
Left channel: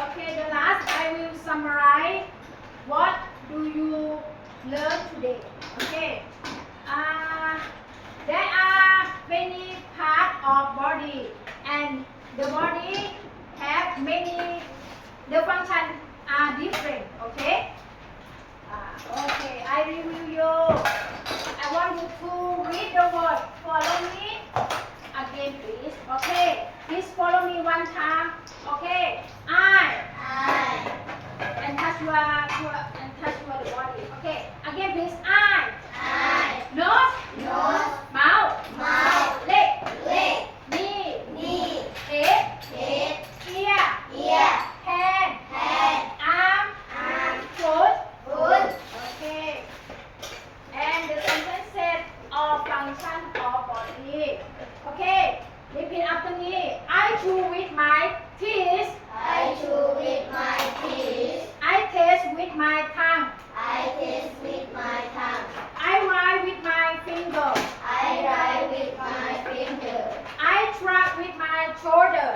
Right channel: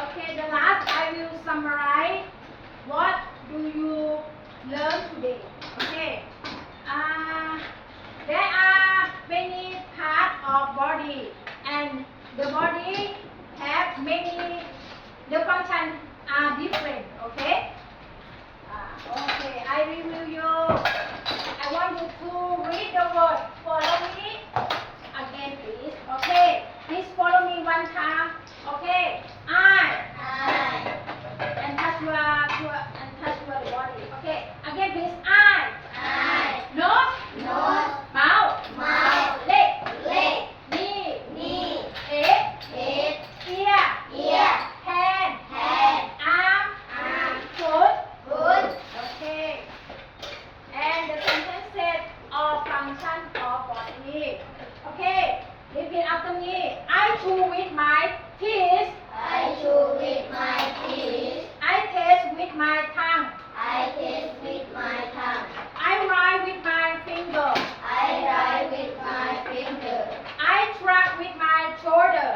Okay, the last I will summarize what do you learn today. Okay. There are many parts of body and the body have many, the functions are different. Okay. Okay, I review you. I want you to read the word. Follow me again, please. Okay. Please follow me one time. Okay. I. And touch your body. Okay. Again, please. I. Nose. Mouth. Leg. Knee. Head. Ear. Hand. Arm. Foot. Okay. And the sentence said all function of body. Okay. Repeat after me. I chew with my teeth. I taste with my tongue. I write with my finger. I track with my shoulder.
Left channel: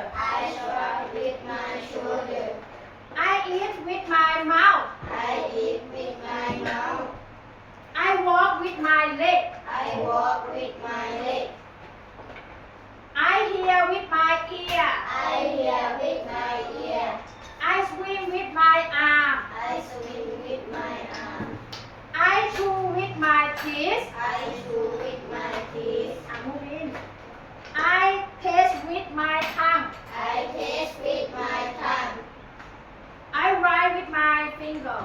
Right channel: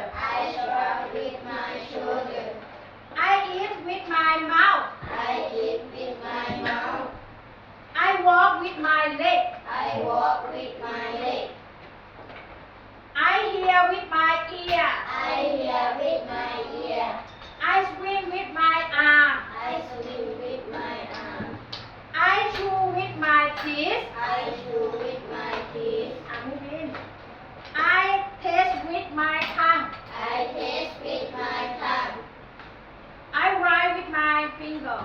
I eat with my mouth. I walk with my leg. I hear with my ear. I swim with my arm. I chew with my teeth. Move in. I taste with my tongue. I write with my finger.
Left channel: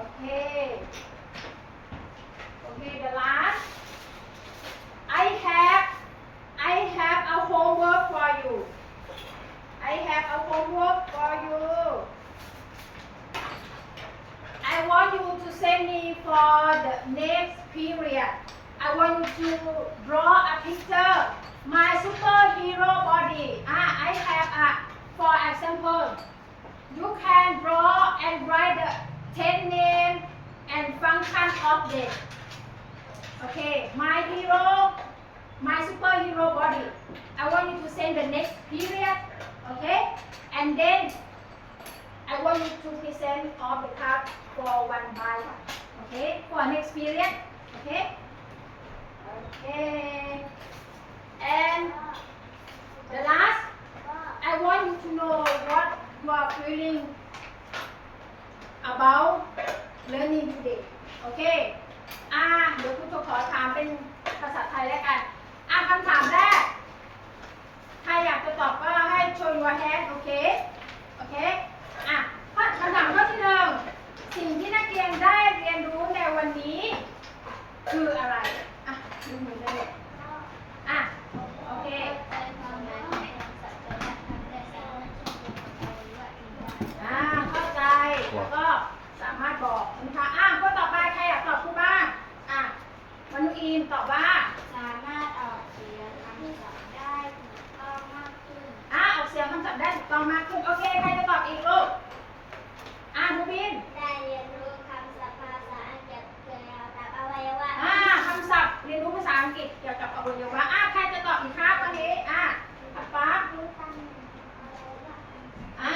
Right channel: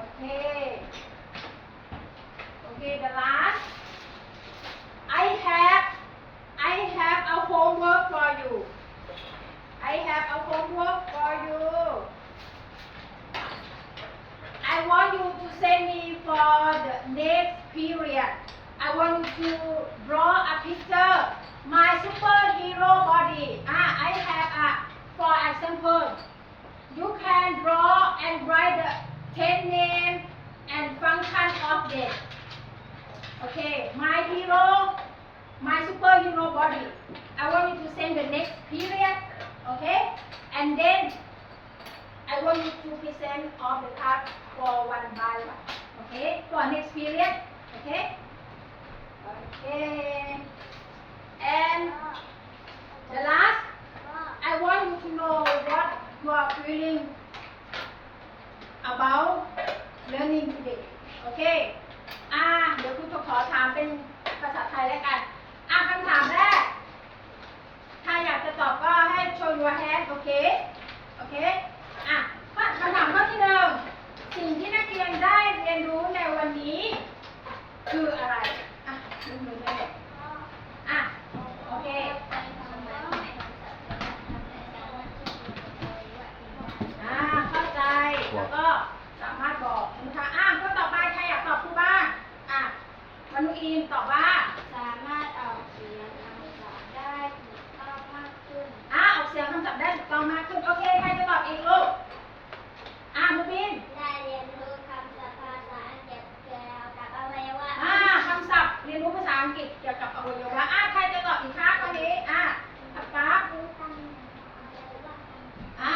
Okay. Okay, the last. I have a homework for you. I want you to send me for the next period. I want you to draw a picture. My superhero body. I have for example, you can draw and write the 10 names and function of them. Okay, my superhero body. I want you to send the next period. Okay, and then I want you to present all the cards for one by one. Okay, for next period. Okay. Okay. And the last, I want you to know what you are feeling กฤษเกี่ยวกับอวัยวะใครจะตอบอีกครับวันนี้ป๊า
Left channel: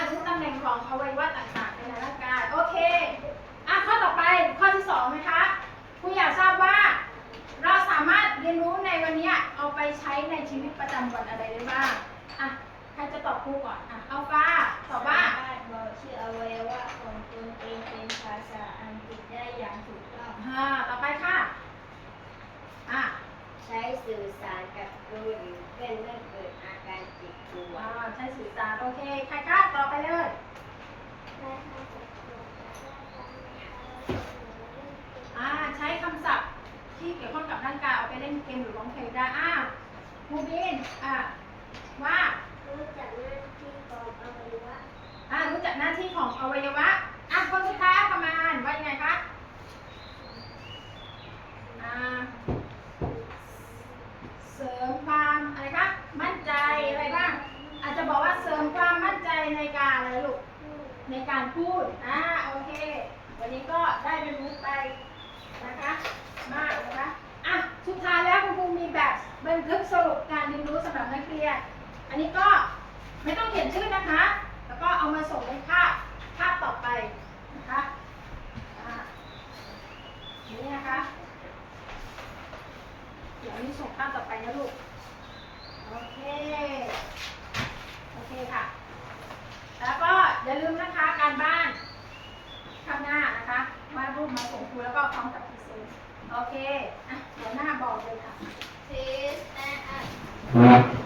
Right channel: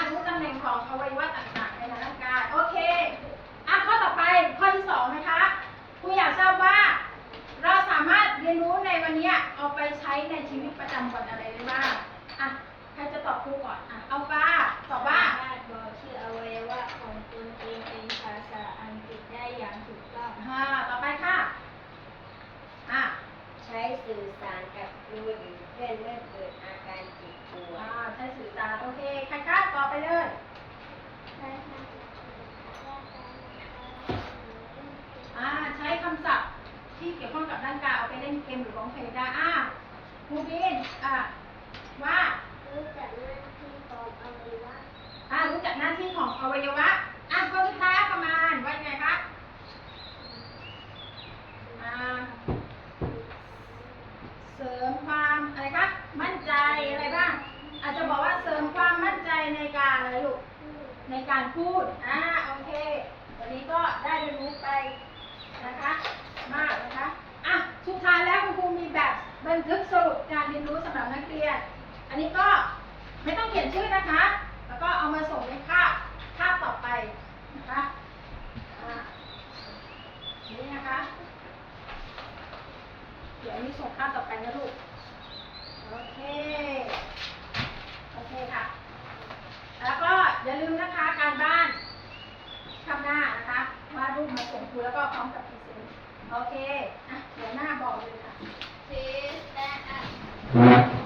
รู้ตำแหน่งของอวัยวะต่างๆในร่างกายโอเคข้อต่อไปข้อที่สองนะคะครูอยากทราบว่า เราสามารถเรียนรู้ในวันนี้เอาไปใช้ในชีวิตประจำวันอะไรได้บ้างใครจะตอบครูก่อนอัลฟาตอบว่า สามารถบอกชื่ออวัยวะของตนเองเป็นภาษาอังกฤษได้อย่างถูกต้อง ต่อไปค่ะใช้สื่อสารกับครูหรือเพื่อนเมื่อเกิดอาการเจ็บปวด ใช้สื่อสารโอเคใครคะต่อไปเลยใช้คำศัพท์ที่เกี่ยวข้องกับร่างกายเอาไปเล่นเกมหรือร้องเพลงได้ครูบินว่า รู้จักหน้าที่ของอวัยวะ รู้จักหน้าที่ของอวัยวะคนสุดท้ายประมาณว่ายังไงคะเสริมความอะไรคะมั่นใจอะไรบ้างอาจจะบอกว่าเสริมความมั่นใจในการอะไรลูกในการพูดโอเควันนี้ก็ได้เรียนรู้ไปนะคะมากนะคะสุดท้ายแล้วคุณครูมีแบบบันทึกสรุปการเรียนรู้สำหรับนักเรียนอันนี้ก็ไม่ต้องเขียนชื่อนะคะแล้วก็เอามาส่งในภาพต่อไปนะคะนี่นะคะเดี๋ยวนี้ส่งภาพต่อไปนะลูกโอเคค่ะแล้วก็อย่าลืมนะคะการบ้านข้างหน้านะคะวาดรูปมาส่งครูแล้วก็พร้อมกับพรีเซนต์โอเคเดี๋ยวหน้าบอกเลยค่ะ Please stand up